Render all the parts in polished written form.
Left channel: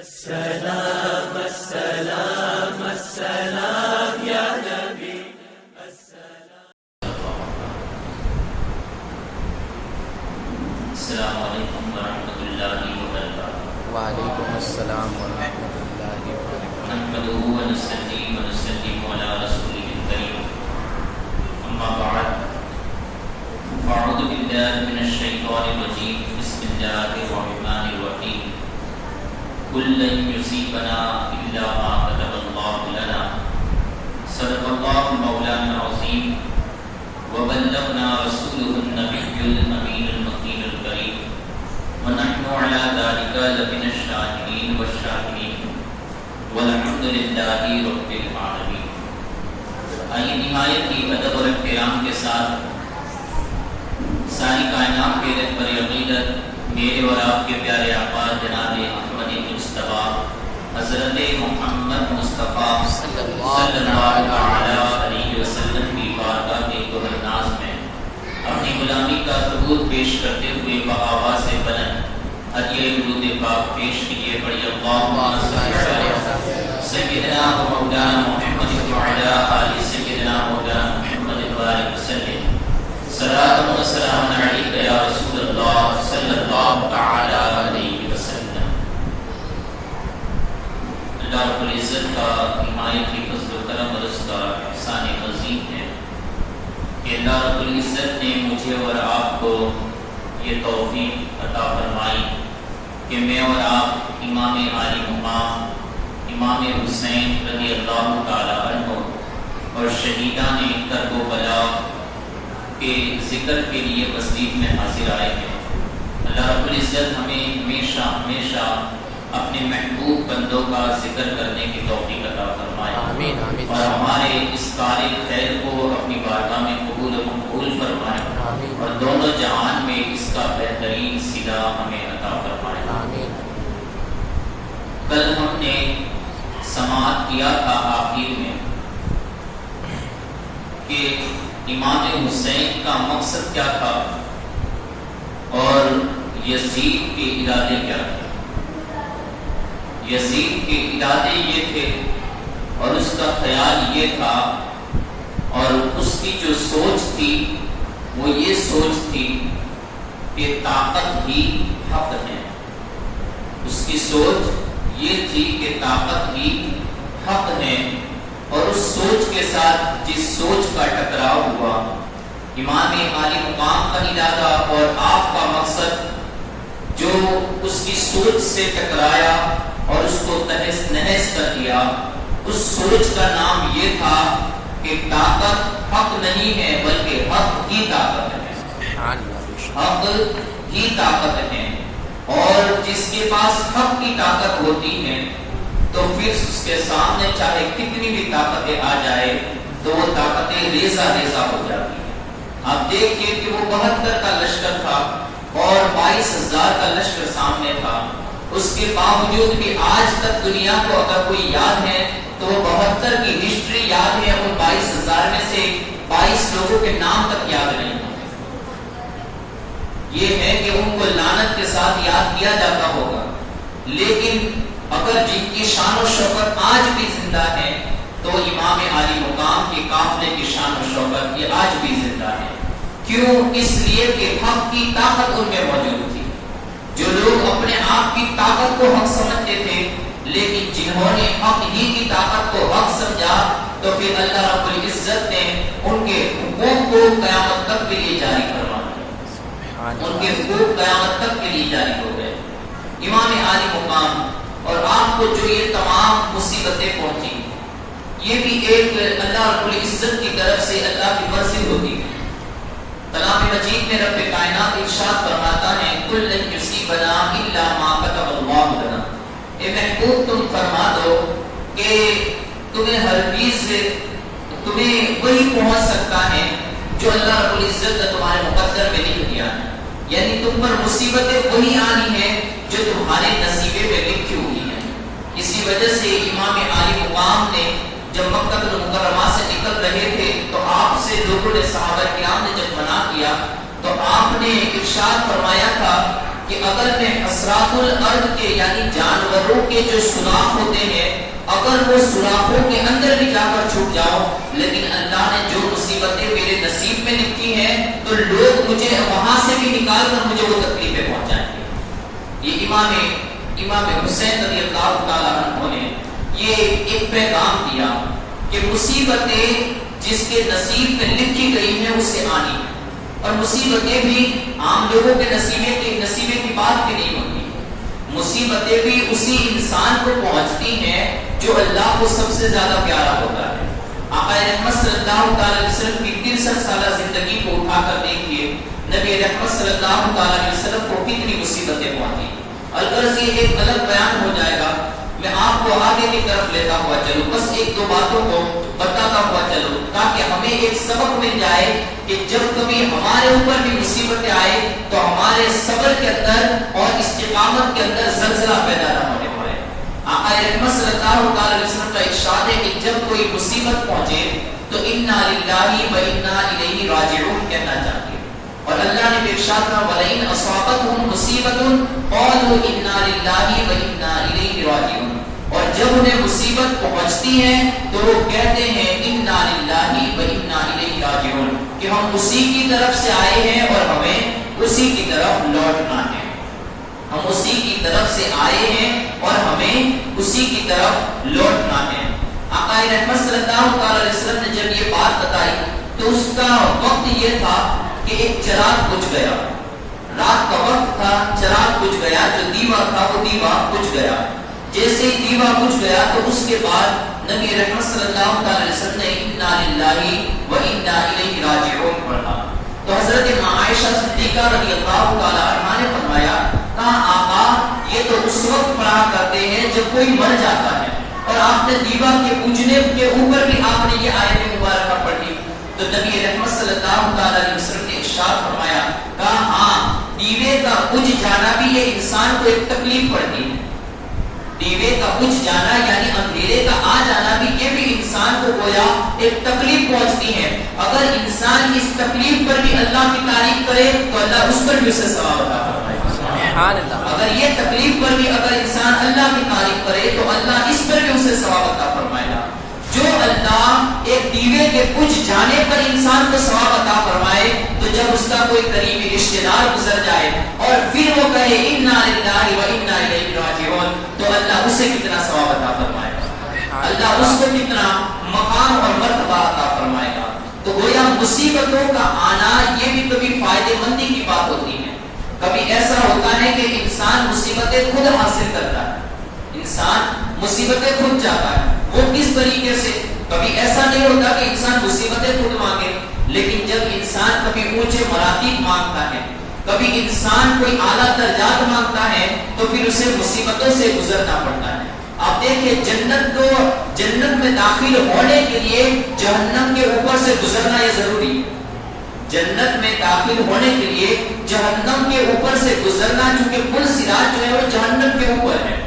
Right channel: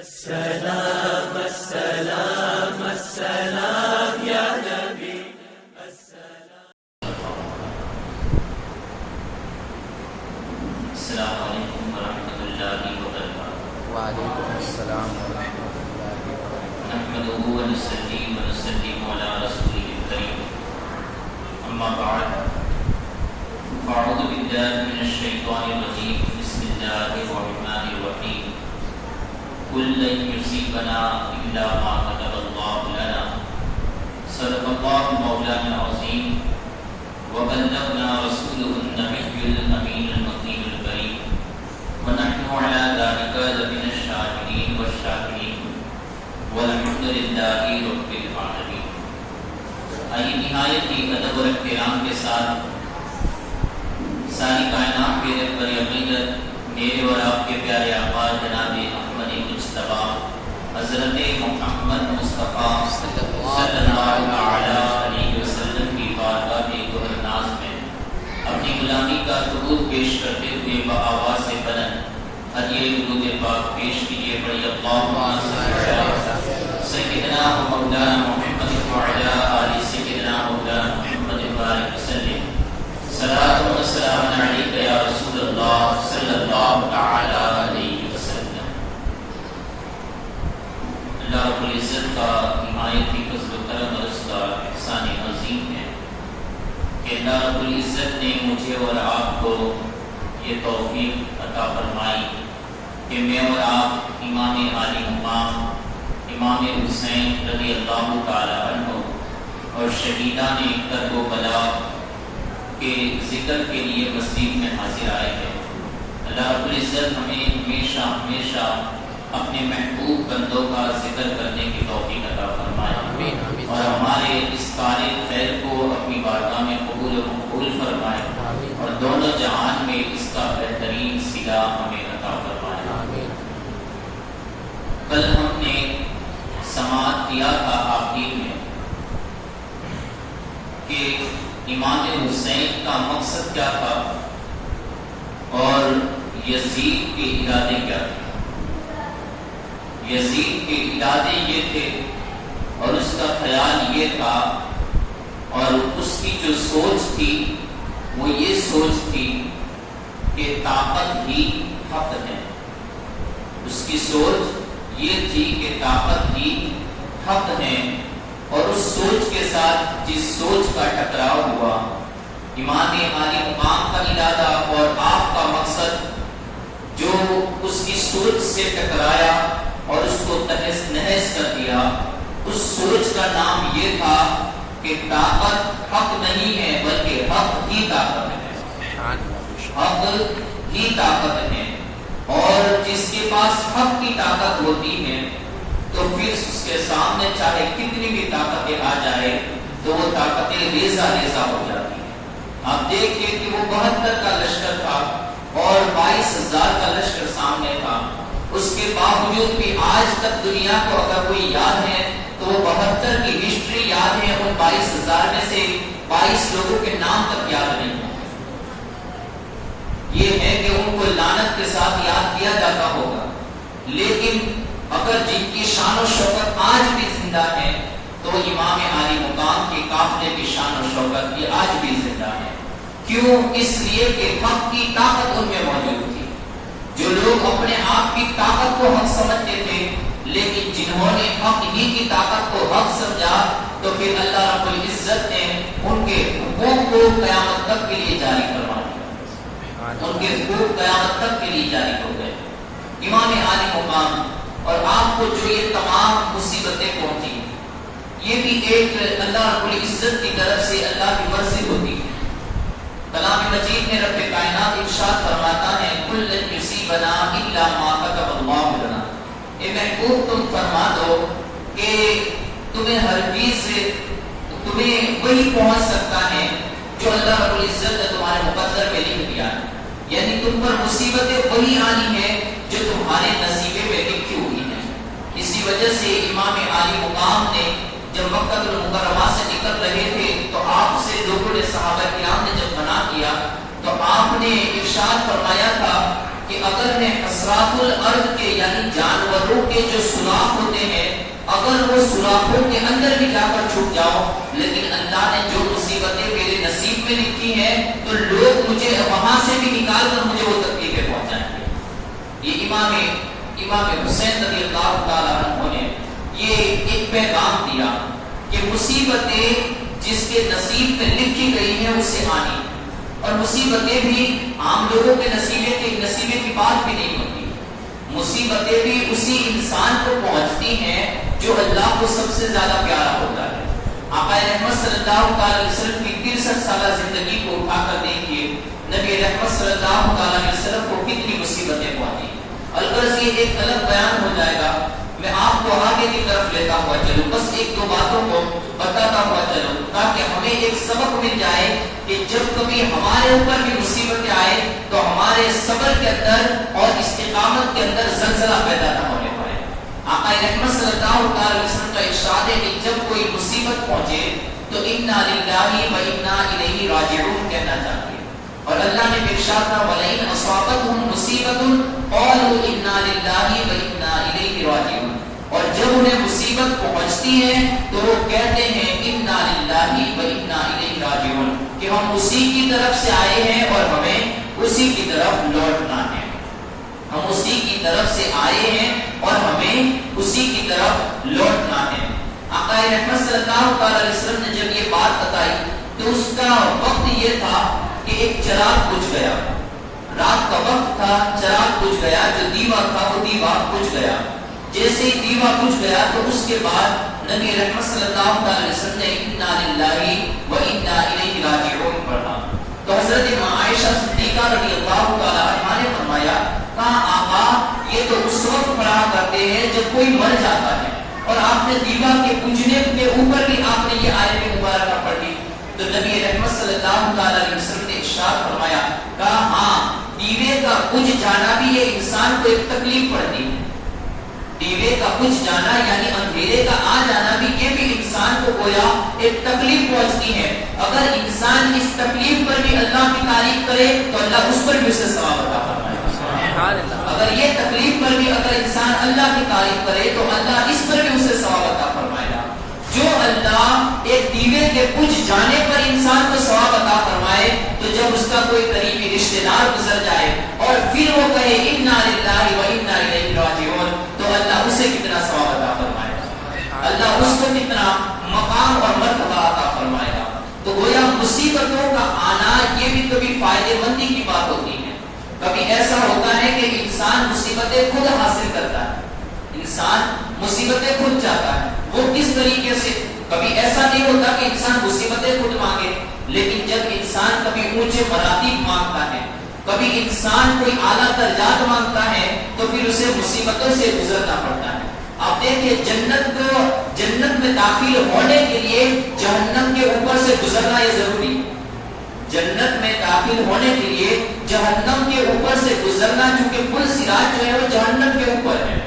السلام السلام السلام یا نبی السلام علیکم ورحمۃ اللہ وبرکاتہ۔ وعلیکم السلام ورحمۃ اللہ وبرکاتہ۔ نحمده ونصلي ونسلم على رسوله الكريم، اما بعد فاعوذ بالله من الشیطان الرجیم، بسم اللہ الرحمن الرحیم۔ قل لن يصيبنا الا ما كتب الله لنا، صدق الله مولانا العظیم، وبلغنا رسوله النبی الامین المقیم الکریم، ونحن على ذلك لمن الشاکرین والشاکرین، والحمد للہ رب العالمین۔ آئیے نہایت ہی ادب اور احترام کے ساتھ ساری کائنات کے رہبر عقیدت میرے اور آپ کے پیارے آقا جناب احمد مصطفیٰ حضرت محمد مصطفیٰ صلی اللہ علیہ وسلم کی بارگاہ کے گہر ناز میں اپنی غلامی کا ثبوت پیش کرتے ہوئے بآواز بلند عطیہ درود پاک پیش کیے، بڑی اللہم صلی علی سیدنا و مولانا محمد وعلی آل سیدنا مولانا محمد وبارک وسلم۔ صلاۃ و سلام علیک یا رسول اللہ صلی اللہ تعالی علیہ وسلم۔ اللہ رب العزت کا نہایت ہی فضل و کرم اور اس کا احسان عظیم ہے کہ اللہ رب العزت نے مجھے اور آپ کو یہ توفیق عطا فرمائی کہ میں اور آپ امام عالی مقام امام حسین رضی اللہ تعالی عنہ اور شہیدان کربلا کے ذکر کے لیے مسجد میں حاضر آئے ہیں۔ اللہ رب العزت ہمیں ہمیشہ ہمیشہ اپنے محبوب بندوں کا ذکر کرنے کی توفیق عطا فرمائے اور ہمارے اس کار خیر کو اپنی بارگاہ میں قبول و مقبول فرمائے اور دونوں جہان میں اس کا بہترین صلہ ہمیں عطا فرمائے۔ کل ہم نے سماعت کیا تھا آخر میں کہ امام حسین کا مقصد کیا تھا اور یزید کے ارادے کیا تھے۔ یزید کے ارادے یہ تھے اور اس کا خیال یہ تھا اور اس کی جو سوچ تھی وہ یہ سوچ تھی کہ طاقت ہی حق ہے۔ اس کی سوچ یہ تھی کہ طاقت ہی حق ہے، اور اس سوچ کے ساتھ جس سوچ کا ٹکراؤ ہوا، امام عالی مقام کا ارادہ اور آپ کا مقصد جو اس کی سوچ سے ٹکرایا اور اس کو تہس نہس کر دیا، اس سوچ کا نام یہ تھا کہ طاقت حق نہیں ہے بلکہ حق ہی طاقت ہے۔ حق ہی طاقت ہے، اور جس کے پاس حق کی طاقت ہوتی ہے تو پھر اس کے سامنے چاہے کتنی بھی طاقتیں آ جائے تو وہ طاقتیں ریزہ ریزہ ہو جاتی ہیں۔ آپ دیکھیے کہ وہ 72 کا لشکر تھا اور 22,000 کا لشکر سامنے تھا، اس کے باوجود بھی آج تک دنیا کو اگر کوئی یاد ہے تو وہ 72 کی ہسٹری یاد ہے، ان 22,000 میں سے 22 لوگوں کے نام تک یاد نہیں ہوتے۔ یہ ہے کہ ان کو لعنت کے ساتھ یاد کیا جاتا ہوگا، لیکن اگر جن کی شان و شوکت آج بھی زندہ ہے تو امام عالی مقام کے قافلے کی شان و شوکت یہ آج بھی زندہ ہے۔ کیوں؟ اس لیے کہ حق کی طاقت ان میں موجود تھی۔ جو لوگ اپنے آپ کی طاقت کو حق سمجھتے تھے، لیکن جنہوں نے حق ہی کی طاقت کو حق سمجھا تو پھر اللہ رب العزت نے ان کے حقوق کو قیامت تک کے لیے جاری کروا دیا۔ ان کے حقوق قیامت تک کے لیے جاری ہو گئے۔ امام عالی مقام اور آپ کو جو یہ تمام مصیبتیں پہنچی، یہ بھی ایک اللہ رب العزت کی طرف سے اللہ کی مرضی ہوتی ہے۔ کلام مجید میں رب کائنات ارشاد فرماتا ہے کل لن یصیبنا الا ما کتب اللہ لنا۔ اے محبوب تم فرما دو کہ تمہیں ہرگز تمہیں وہی پہنچ سکتا ہے جو اللہ رب العزت نے تمہارے مقدر میں لکھ دیا ہے، یعنی تم پر مصیبتیں وہی آنی ہیں جو تمہارے نصیبے میں لکھی ہوئی ہیں۔ اسی وجہ سے امام عالی مقام نے جب مکہ المکرمہ سے نکل رہے تھے تو آپ سے دو بڑے صحابہ کرام نے جب منع کیا تو آپ نے ارشاد فرمایا تھا کہ اگر میں حسرات الارض کے یعنی جانوروں کے جو سوراخ ہوتے ہیں اگر وہ سوراخوں کے اندر بھی جا کر چھپ جاؤں، لیکن اللہ نے جو مصیبتیں میرے نصیب میں لکھی ہیں تو لوگ مجھے وہاں سے بھی نکال کر مجھے وہ تکلیفیں پہنچائیں گے۔ یہ امام حسین رضی اللہ تعالیٰ عنہ نے یہ ایک پیغام دیا کہ مصیبتیں جس کے نصیب میں لکھی گئی ہیں اسے آنی ہے، اور مصیبتیں بھی عام لوگوں کے نصیبے کی بات بھی نہیں ہوتی، مصیبتیں بھی اسی انسان کو پہنچتی ہیں جو اللہ کو سب سے زیادہ پیارا ہوتا ہے۔ آقا رحمت صلی اللہ علیہ وسلم کی 63 سالہ زندگی کو اٹھا کر دیکھیے، نبی رحمت صلی اللہ علیہ وسلم کو کتنی مصیبتیں پہنچی۔ الغرض یہ ایک الگ بیان ہو جائے گا، میں آپ کو آگے کی طرف لیتا ہوا چلوں، بس ایک دو باتوں کو بتاتا ہوا چلوں تاکہ ہمیں ایک سبق مل جائے کہ جب کبھی ہمارے اوپر بھی مصیبتیں آئے تو ہمارے صبر کے اندر اور استقامت کے اندر زلزلہ پیدا نہ ہونے پائے۔ آقا رحمت صلی اللہ علیہ وسلم کا ارشاد ہے کہ جب کوئی مصیبت پہنچے تو انا للہ و انا الیہ راجعون کہنا چاہیے، اور اللہ نے ارشاد کہا ولئن اصابتهم مصیبۃ قالوا انا للہ و انا الیہ راجعون، اور جب انہیں مصیبت پہنچتی ہے تو وہ کہتے ہیں انا للہ و انا الیہ راجعون کہ ہم اسی کی طرف سے آئے ہیں اور ہمیں اسی کی طرف لوٹنا ہے، ہم اسی کی طرف سے آئے ہیں اور ہمیں اسی کی طرف لوٹنا ہے۔ آقا رحمت صلی اللہ علیہ وسلم نے جب یہ بات بتائی تو اس کا وقت یہ تھا کہ ایک چراغ بجھ گیا، رات کا وقت تھا، چراغ بجھ گیا، جو دیوا تھا وہ دیوا بجھ گیا۔ جیسے ہی دیوا بجھ گیا تو اس کے بعد نبی رحمت صلی اللہ علیہ وسلم نے انا للہ و انا الیہ راجعون پڑھا تو حضرت عائشہ صدیقہ رضی اللہ تعالی عنہا نے فرمایا کہا آقا یہ تو اس وقت پڑھا کرتے ہیں جب کوئی مر جاتا ہے، اور آپ نے دیوا کے بجھنے کے اوپر بھی آپ نے یہ آیت مبارکہ پڑھی تو نبی رحمت صلی اللہ علیہ وسلم نے ارشاد فرمایا کہا ہاں دیوے کا بجھ جانا بھی یہ انسان کو ایک تکلیف پڑتی ہے، دیوے کا بجھ جانا یعنی اندھیرے کا آ جانا بھی یہ بھی انسان کو گویا ایک تکلیف پہنچتی ہے، اگر انسان اس تکلیف پر بھی اللہ کی تعریف کرے تو اللہ اس پر بھی اسے ثواب عطا فرمائے گا، اگر یہ تکلیف پر بھی اگر انسان اللہ کی تعریف کرے تو اللہ اس پر بھی اسے ثواب عطا فرمائے گا۔ جو اللہ ایک دیوے کے بجھ جانے پر انسان کو ثواب عطا فرمائے تو جب اس کا کوئی قریبی رشتہ دار گزر جائے اور پھر وہ کہے انا للہ و انا الیہ راجعون تو اللہ اسے کتنا ثواب عطا فرمائے گا، اللہ اس کو کتنا مقام اور مرتبہ عطا فرمائے گا۔ تو گویا مصیبتوں کا آنا یہ بھی کبھی فائدے مندی کی بات ہوتی ہے، کبھی ایسا ہوتا ہے کہ انسان مصیبتیں خود حاصل کرتا ہے، انسان مصیبتیں خود چاہتا ہے، وہ کس طریقے سے؟ کبھی ایسا نہیں ہوتا کہ انسان مصیبتیں خود مانگے، لیکن جب انسان کبھی اونچے مراتب مانگتا ہے، کبھی انسان کوئی اعلیٰ درجات مانگتا ہے تو پھر اسے مصیبتوں سے گزرنا پڑتا ہے۔ آپ دیکھیں جنت میں داخل ہونے کے لیے جہنم کے اوپر سے گزرنا یہ ضروری ہے، جنت میں داخل ہونے کے لیے جہنم کے اوپر سے گزرنا، چونکہ پل صراط جو ہے وہ جہنم کے اوپر ہے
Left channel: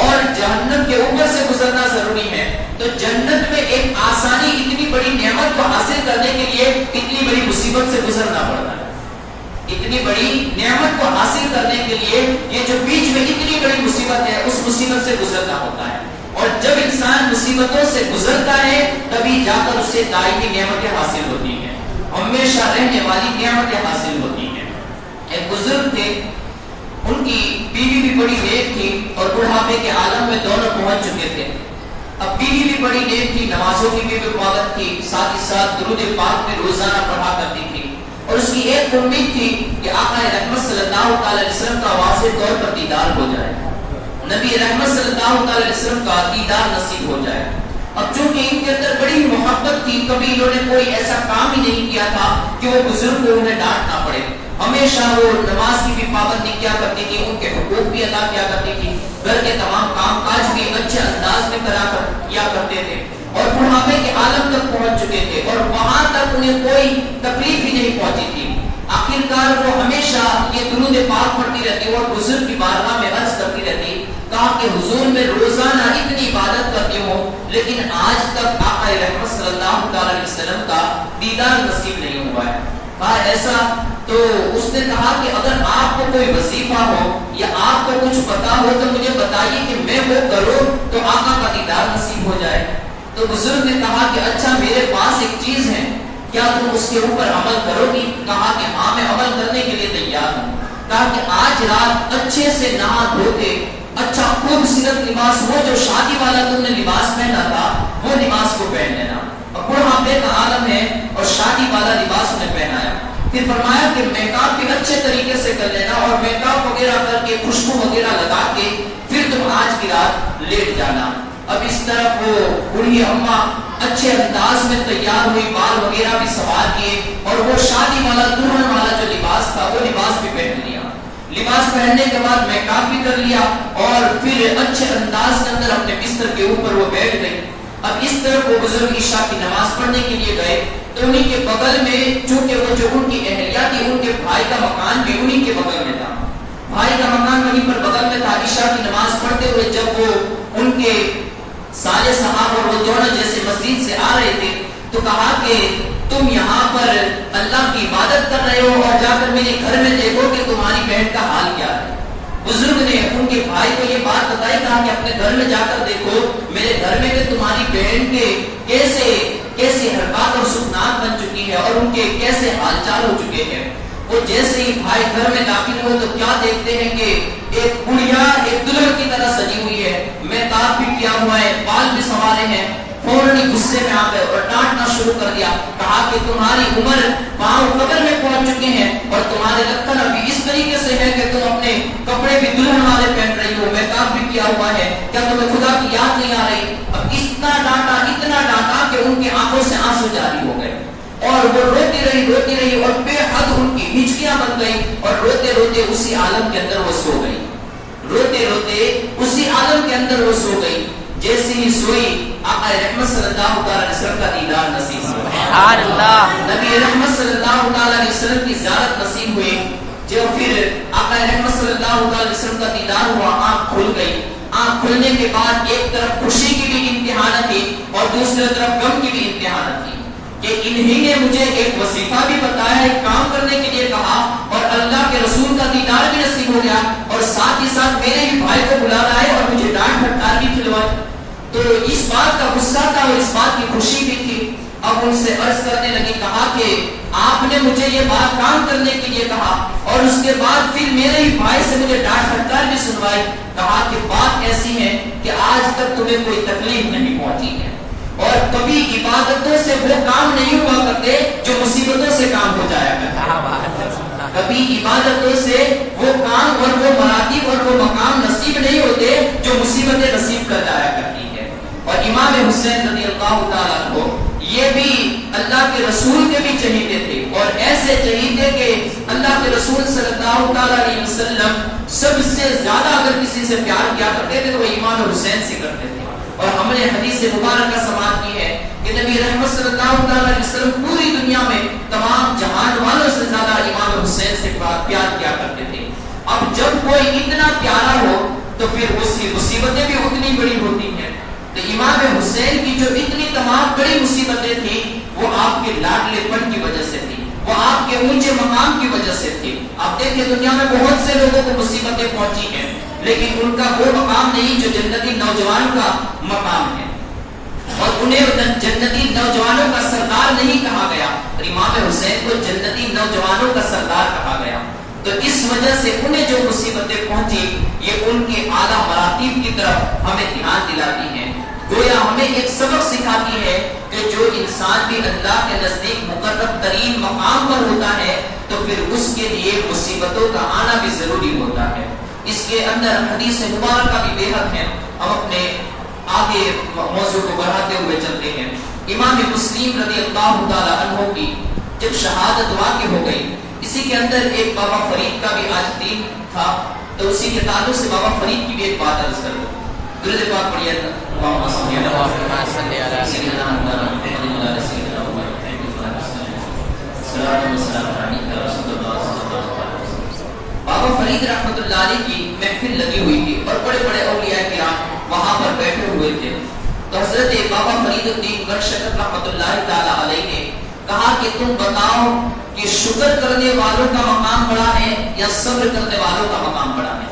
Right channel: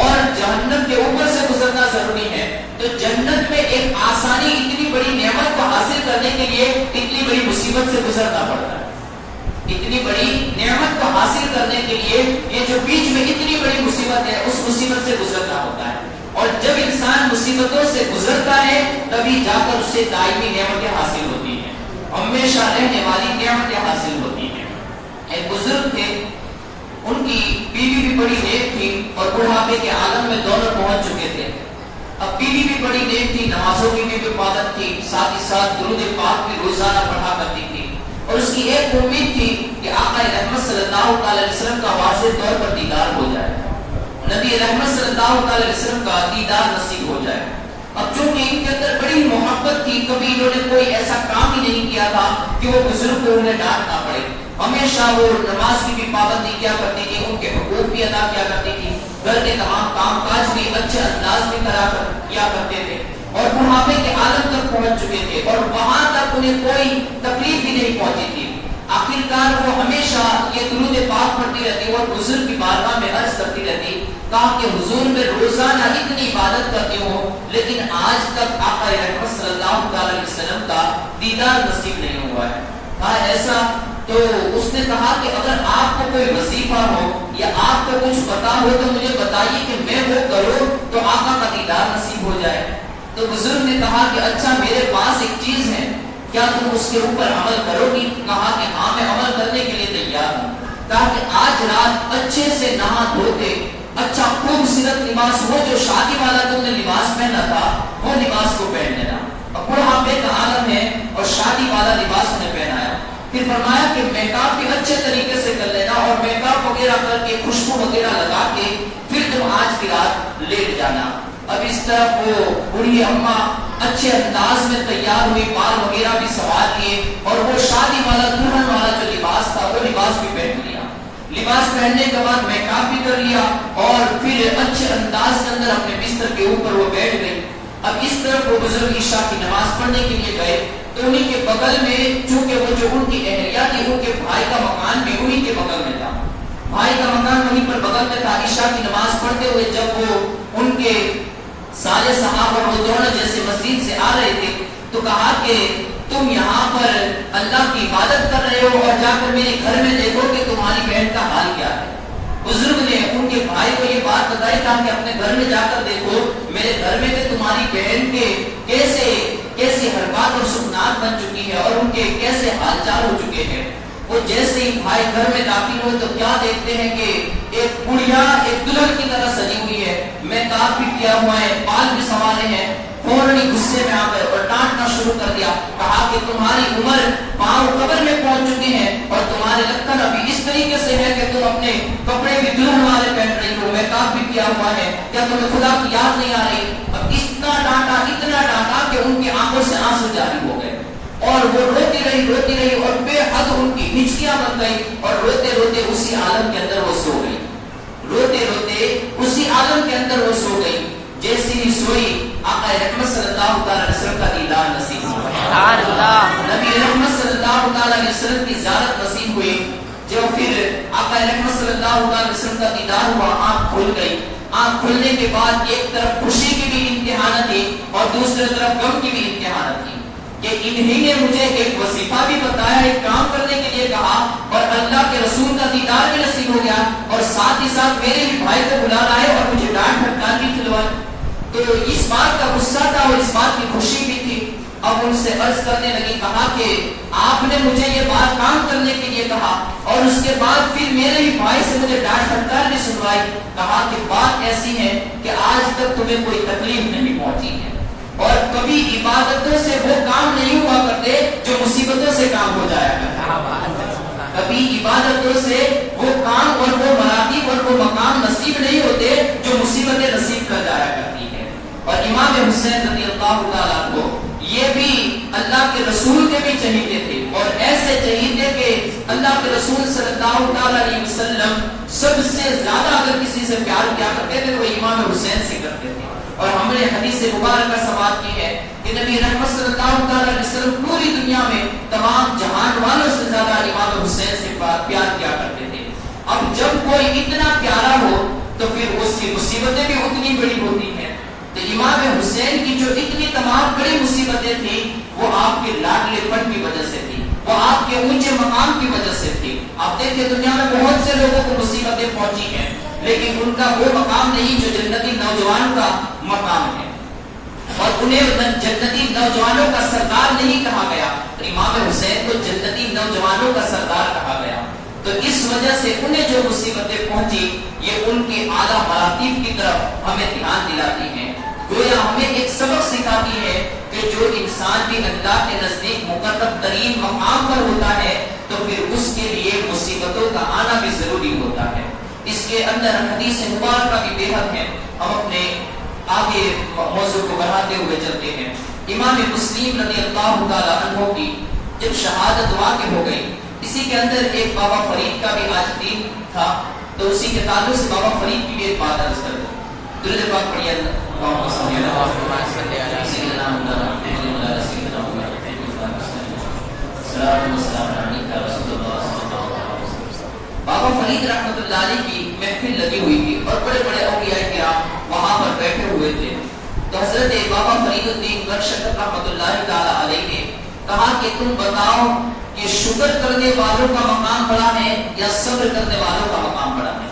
اور جہنم کے اوپر سے گزرنا ضروری ہے، تو جنت میں ایک آسانی اتنی بڑی نعمت کو حاصل کرنے کے لیے اتنی بڑی مصیبت سے گزرنا پڑتا ہے، اتنی بڑی نعمت کو حاصل کرنے کے لیے یہ جو بیچ میں اتنی بڑی مصیبت ہے اس مصیبت سے گزرنا ہوتا ہے، اور جب انسان مصیبتوں سے گزرتا ہے تبھی جا کر اسے دائمی نعمتیں حاصل ہوتی ہیں، ہمیشہ رہنے والی نعمتیں حاصل ہوتی ہیں۔ ایک بزرگ تھے، ان کی بیوی بھی بڑی نیک تھی اور بڑھاپے کے عالم میں دونوں پہنچ چکے تھے، اب بیوی بھی بڑی نیک تھی، نمازوں کی بھی پابند تھی، ساتھ ہی ساتھ درود پاک بھی روزانہ پڑھا کرتی تھی، اور اس کی ایک امید تھی کہ آقا رحمت صلی اللہ علیہ وسلم کا واضح طور پر دیدار ہو جائے، نبی رحمت صلی اللہ علیہ وسلم کا دیدار نصیب ہو جائے۔ اب چونکہ ان کے اندر بڑی محبت تھی، کبھی انہوں نے کوئی ایسا کام ہی نہیں کیا تھا کہ وہ بزرگ کو انہیں ڈانٹنا پڑے، ہمیشہ وہ نماز کی بھی پابندی کیا کرتی تھی، ان کے حقوق بھی ادا کیا کرتی تھی، گھر کے تمام کام کاج بھی اچھے انداز میں کیا کرتے تھے، اور بڑھاپے کے عالم تک پہنچ چکے تھے اور وہاں تک انہیں کوئی تکلیف ہی نہیں پہنچی تھی۔ آخرکار وہ ہمیشہ یہ درود پاک پڑھتی رہتی اور بزرگ کی بارگاہ میں عرض کرتی رہتی کہ حضور میں روزانہ اتنی عبادت کرتی ہوں لیکن آج تک آقا رحمت صلی اللہ علیہ وسلم کا دیدار نصیب نہیں ہوا ہے۔ ایسا تو اس نے کہا کہ اگر آپ کو کوئی وظیفہ ہو یا آپ کو کچھ پتا ہو تو مجھے بتائیے کہ میں وہ کروں تو آقا کا دیدار نصیب ہو جائے. تو بزرگ نے کہا کہ اچھا میرے پاس ایک چیز ہے, کیا تم اس کے اوپر عمل کرو گی؟ کہا کہ ہاں میں عمل کرنے کے لیے تیار ہوں. کہا کہ آج رات اچھے سے نہا دھو کے اچھا خوبصورت لباس, وہ جو شادی والا تم نے لباس پہنا تھا وہ لباس کو پہن لینا. اور بڑھاپے کا عالم ہے اور شادی والا لباس انہیں پہنایا. پھر فرمایا کہ میک اپ بھی اچھے طریقے سے کر لینا اور میک اپ وغیرہ کر کے خوشبو وغیرہ لگا کے پھر تم آج کی رات لیٹ جانا. اب اس طرح وہ بوڑھی اماں اچھے انداز میں تیار ہوئی, بال وغیرہ بھی سوار کیے اور وہ شادی والا دلہن والا جو لباس تھا وہ لباس بھی پہن لیا. لباس پہننے کے بعد میک اپ بھی کر لیا اور پھر اچھے انداز کے اندر اپنے بستر کے اوپر وہ بیٹھ گئی. اب اس طرح وہ بزرگ عشاء کی نماز پڑھنے کے لیے گئے تو انہی کے بغل میں, چونکہ وہ جو ان کی اہلیہ تھی ان کے بھائی کا مکان بھی انہی کے بغل میں تھا, بھائی کا مکان وہیں پر بغل میں تھا. عشاء کی نماز پڑھتے ہوئے جب وہ ان کے سارے صحابہ وہ دونوں جیسے مسجد سے آ رہے تھے تو کہا کہ تم یہاں پر اللہ کی عبادت کر رہے ہو اور جا کر میرے گھر میں دیکھو کہ تمہاری بہن کا حال کیا ہے. بزرگ نے ان کے بھائی کو یہ بات بتائی, کہا کہ اپنے گھر میں جا کر دیکھو میرے گھر میں کہ تمہاری بہن کے کیسی حرکات اور سکنات بن چکی ہے اور ان کے کیسے حال چال ہو چکے ہیں. وہ جیسے ہی بھائی گھر میں داخل ہوئے تو کیا دیکھتے ہیں کہ ایک گڑیا ایک دلہن کی طرح سجی ہوئی ہے, میک اپ بھی کیا ہوا ہے, بال بھی سنوارے ہیں. فوراً غصے میں آ گئے اور ڈانٹنا شروع کر دیا. کہا کہ تمہاری عمر پاؤں قبر میں پہنچ چکی ہے اور تمہارے لکھن ابھی اس طریقے سے ہے کہ تم اپنے کپڑے بھی دلہن والے پہن رہی ہو, میک اپ بھی کیا ہوا ہے, کیا تمہیں خدا کی یاد نہیں آ رہی؟ اب اتنا ڈانٹا کہ ان کی آنکھوں سے آنسو جاری ہو گئے اور وہ روتی رہی اور بے حد ان کی ہچکیاں بن گئی اور روتے روتے اسی عالم کے اندر وہ سو گئی. جیسی ہی سوئی آقا رحمت صلی اللہ علیہ وسلم کا دیدار نصیب ہوا. نبی رحمت صلی اللہ علیہ وسلم کی زیارت نصیب ہوئی. جو پھر آقا رحمت صلی اللہ علیہ وسلم کا دیدار ہوا, آنکھ کھل گئی. آنکھ کھلنے کے بعد ایک طرف خوشی کی بھی امتحان تھی اور دوسری طرف غم کی بھی امتحان تھی کہ انہی نے مجھے ایک وظیفہ بھی بتایا, ایک کام کرنے کے لیے کہا اور اللہ کے رسول کا دیدار بھی نصیب ہو گیا اور ساتھ ہی ساتھ میرے بھی بھائی کو بلا رہا ہے اور مجھے ڈانٹ پھٹکار بھی کھلوا. تو اس بات کا غصہ تھا اور اس بات کی خوشی بھی تھی. اب ان سے عرض کرنے لگی, کہا کہ آپ نے مجھے یہ بات کام کرنے کے لیے کہا اور اس کے بعد پھر میرے ہی بھائی سے مجھے ڈانٹ پھٹکار بھی سنوائی. کہا کہ بات ایسی ہے کہ آج تک تمہیں کوئی تکلیف نہیں پہنچی ہے اور کبھی عبادتوں سے وہ کام نہیں ہوا کرتے جو مصیبتوں سے کام ہو جایا کرتے. کبھی عبادتوں سے وہ کام اور وہ مراتب اور وہ مقام نصیب نہیں ہوتے جو مصیبتیں نصیب کر جایا کرتی ہے. اور امام حسین رضی اللہ تعالیٰ عنہ یہ بھی اللہ کے رسول کے بھی چہیتے تھے اور ایسے چہیتے کہ اللہ کے رسول صلی اللہ تعالیٰ علیہ وسلم سب سے زیادہ اگر کسی سے پیار کیا کرتے تھے تو وہ امام حسین سے کرتے تھے. اور ہم نے حدیث مبارکہ سماعت کی ہے کہ نبی رحمت صلی اللہ علیہ وسلم پوری دنیا میں تمام جہان والوں سے زیادہ امام حسین سے پیار کیا کرتے تھے. اب جب کوئی اتنا پیارا ہو تو پھر اس کی مصیبتیں بھی اتنی بڑی ہوتی ہیں. تو امام حسین کی جو اتنی تمام بڑی مصیبتیں تھیں وہ آپ کے لاڈلے پن کی وجہ سے تھی, وہ آپ کے اونچے مقام کی وجہ سے تھی. آپ دیکھیں دنیا میں بہت سے لوگوں کو مصیبتیں پہنچی ہیں لیکن ان کا وہ مقام نہیں جو جنتی نوجوان کا مقام ہے اور انہیں جنتی نوجوانوں کا سردار نہیں کہا گیا. امام حسین کو جنتی نوجوانوں کا سردار کہا گیا. تو اس وجہ سے انہیں جو مصیبتیں پہنچی یہ ان کے اعلیٰ مراتب کی طرف ہمیں دھیان دلاتی ہیں. گویا ہمیں ایک سبق سکھاتی ہے کہ جو انسان بھی اللہ کے نزدیک مقرب ترین مقام پر ہوتا ہے تو پھر اس کے لیے مصیبتوں کا آنا بھی ضروری ہوتا ہے. اس کے اندر حدیث مبارکہ بھی بے حد ہے. ہم اپنے آگے موضوع کو بڑھاتے ہوئے چلتے ہیں. امام مسلم رضی اللہ تعالی عنہ کی جب شہادت واقع ہو گئی, اسی کے اندر ایک بابا فرید کا بھی آج دن تھا تو اسی کے تعلق سے بابا فرید کی بھی ایک بات عرض کروں. درود پاک پڑھیے اللہم صلی علی سیدنا محمد بابا فرید رحمۃ اللہ علیہ کی محفل لگی ہوئی تھی اور بڑے بڑے اولیاء کرام وہاں پر بیٹھے ہوئے تھے. تو حضرت بابا فرید الدین بخش رحمۃ اللہ تعالی علیہ نے کہا کہ تم بتاؤ کہ شکر کرنے والوں کا مقام بڑا ہے یا صبر کرنے والوں کا مقام بڑا ہے؟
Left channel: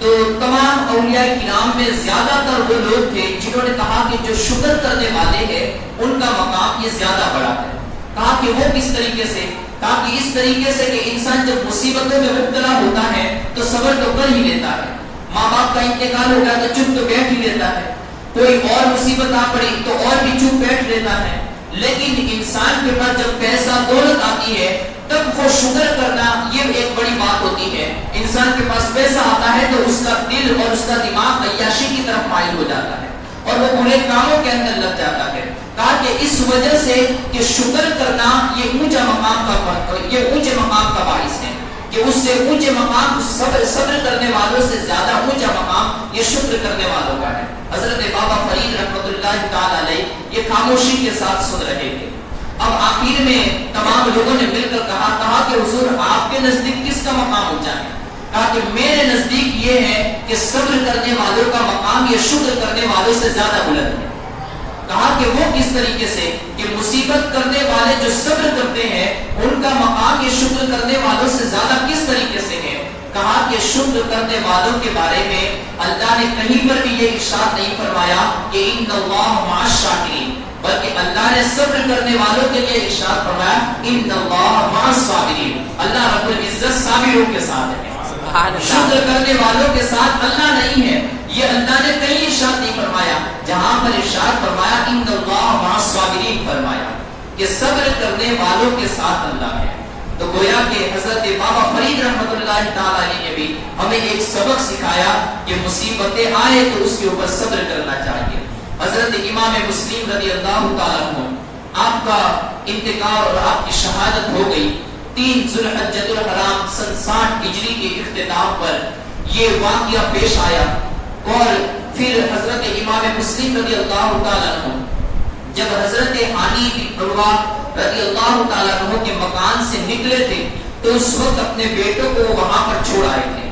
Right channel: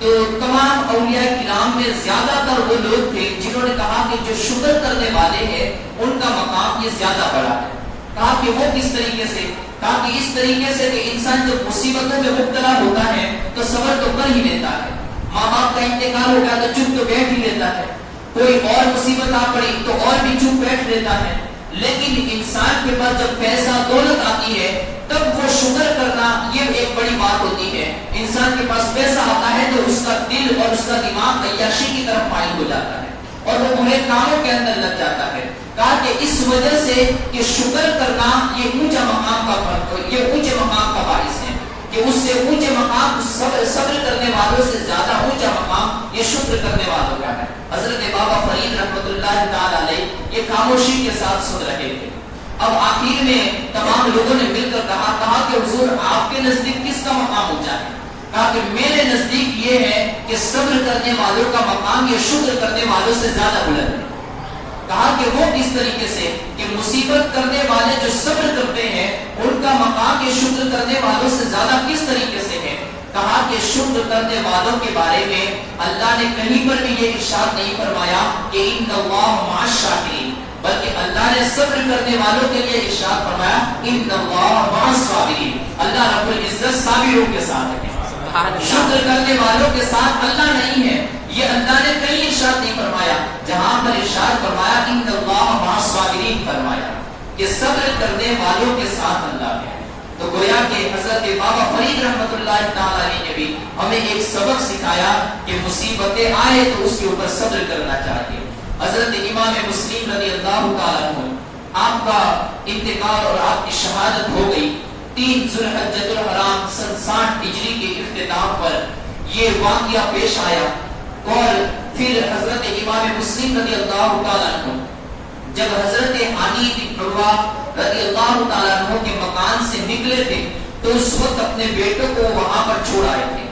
تو تمام اولیاء کرام میں زیادہ تر وہ لوگ تھے جنہوں نے کہا کہ جو شکر کرنے والے ہیں ان کا مقام یہ زیادہ بڑا ہے. کہا کہ وہ کس طریقے سے؟ کہا کہ اس طریقے سے کہ انسان جب مصیبتوں میں مبتلا ہوتا ہے تو صبر تو کر ہی لیتا ہے. ماں باپ کا انتقال ہو گیا تو چپ تو بیٹھ ہی لیتا ہے. کوئی اور مصیبت آ پڑی تو اور بھی چپ بیٹھ لیتا ہے. لیکن انسان کے پاس جب پیسہ دولت آتی ہے تب وہ شکر کرنا یہ ایک بڑی بات ہوتی ہے. انسان کے پاس پیسہ آتا ہے تو اس کا دل اور اس کا دماغ عیاشی کی طرف مائل ہو جاتا ہے اور وہ برے کاموں کے اندر لگ جاتا ہے. کہا کہ اس وجہ سے کہ شکر کرنا یہ اونچا مقام کا باعث ہے کہ اس سے اونچے مقام صبر کرنے والوں سے زیادہ اونچا مقام یہ شکر کرنے والوں کا ہے. حضرت بابا فرید رحمۃ اللہ تعالی علیہ یہ خاموشی کے ساتھ سن رہے تھے. اب آخر میں تمام لوگوں نے مل کر کہا کہ حضور آپ کے نزدیک کس کا مقام اونچا ہے؟ کہا کہ میرے نزدیک یہ ہے کہ صبر کرنے والوں کا مقام یہ شکر کرنے والوں سے زیادہ بلند ہے. کہا کہ وہ کس طریقے سے کہ مصیبت کرنے والے جو صبر کرتے ہیں ان کا مقام یہ شکر کرنے والوں سے زیادہ کس طریقے سے ہے؟ کہا کہ شکر کرنے والوں کے بارے میں اللہ نے کہیں پر بھی یہ ارشاد نہیں فرمایا کہ ان اللہ مع الشاکرین، بلکہ اللہ نے صبر کرنے والوں کے لیے ارشاد فرمایا ان اللہ مع الصابرین. اللہ رب العزت صابروں کے ساتھ ہے. شکر کرنے والوں کے ساتھ اللہ نہیں ہے. یہ اللہ نے کہیں ارشاد نہیں فرمایا. جہاں پر ارشاد فرمایا ان اللہ مع الصابرین فرمایا کہ صبر کرنے والوں کے ساتھ اللہ ہے. تو گویا کہ حضرت بابا فرید رحمۃ اللہ تعالی علیہ نے بھی ہمیں ایک سبق سکھایا کہ مصیبتیں آئے تو اس کے اوپر صبر کرنا چاہیے. حضرت امام مسلم رضی اللہ تعالی عنہ آپ کا انتقال اور آپ کی شہادت ہو گئی 3 ذوالحجۃ الحرام سن 60 ہجری کے اختتام پر یہ واقعہ پیش آیا. اور پھر حضرت امام مسلم رضی اللہ تعالی عنہ جب حضرت ہانی بن عروہ رضی اللہ تعالی عنہ کے مکان سے نکلے تھے تو اس وقت اپنے بیٹوں کو وہاں پر چھوڑ آئے تھے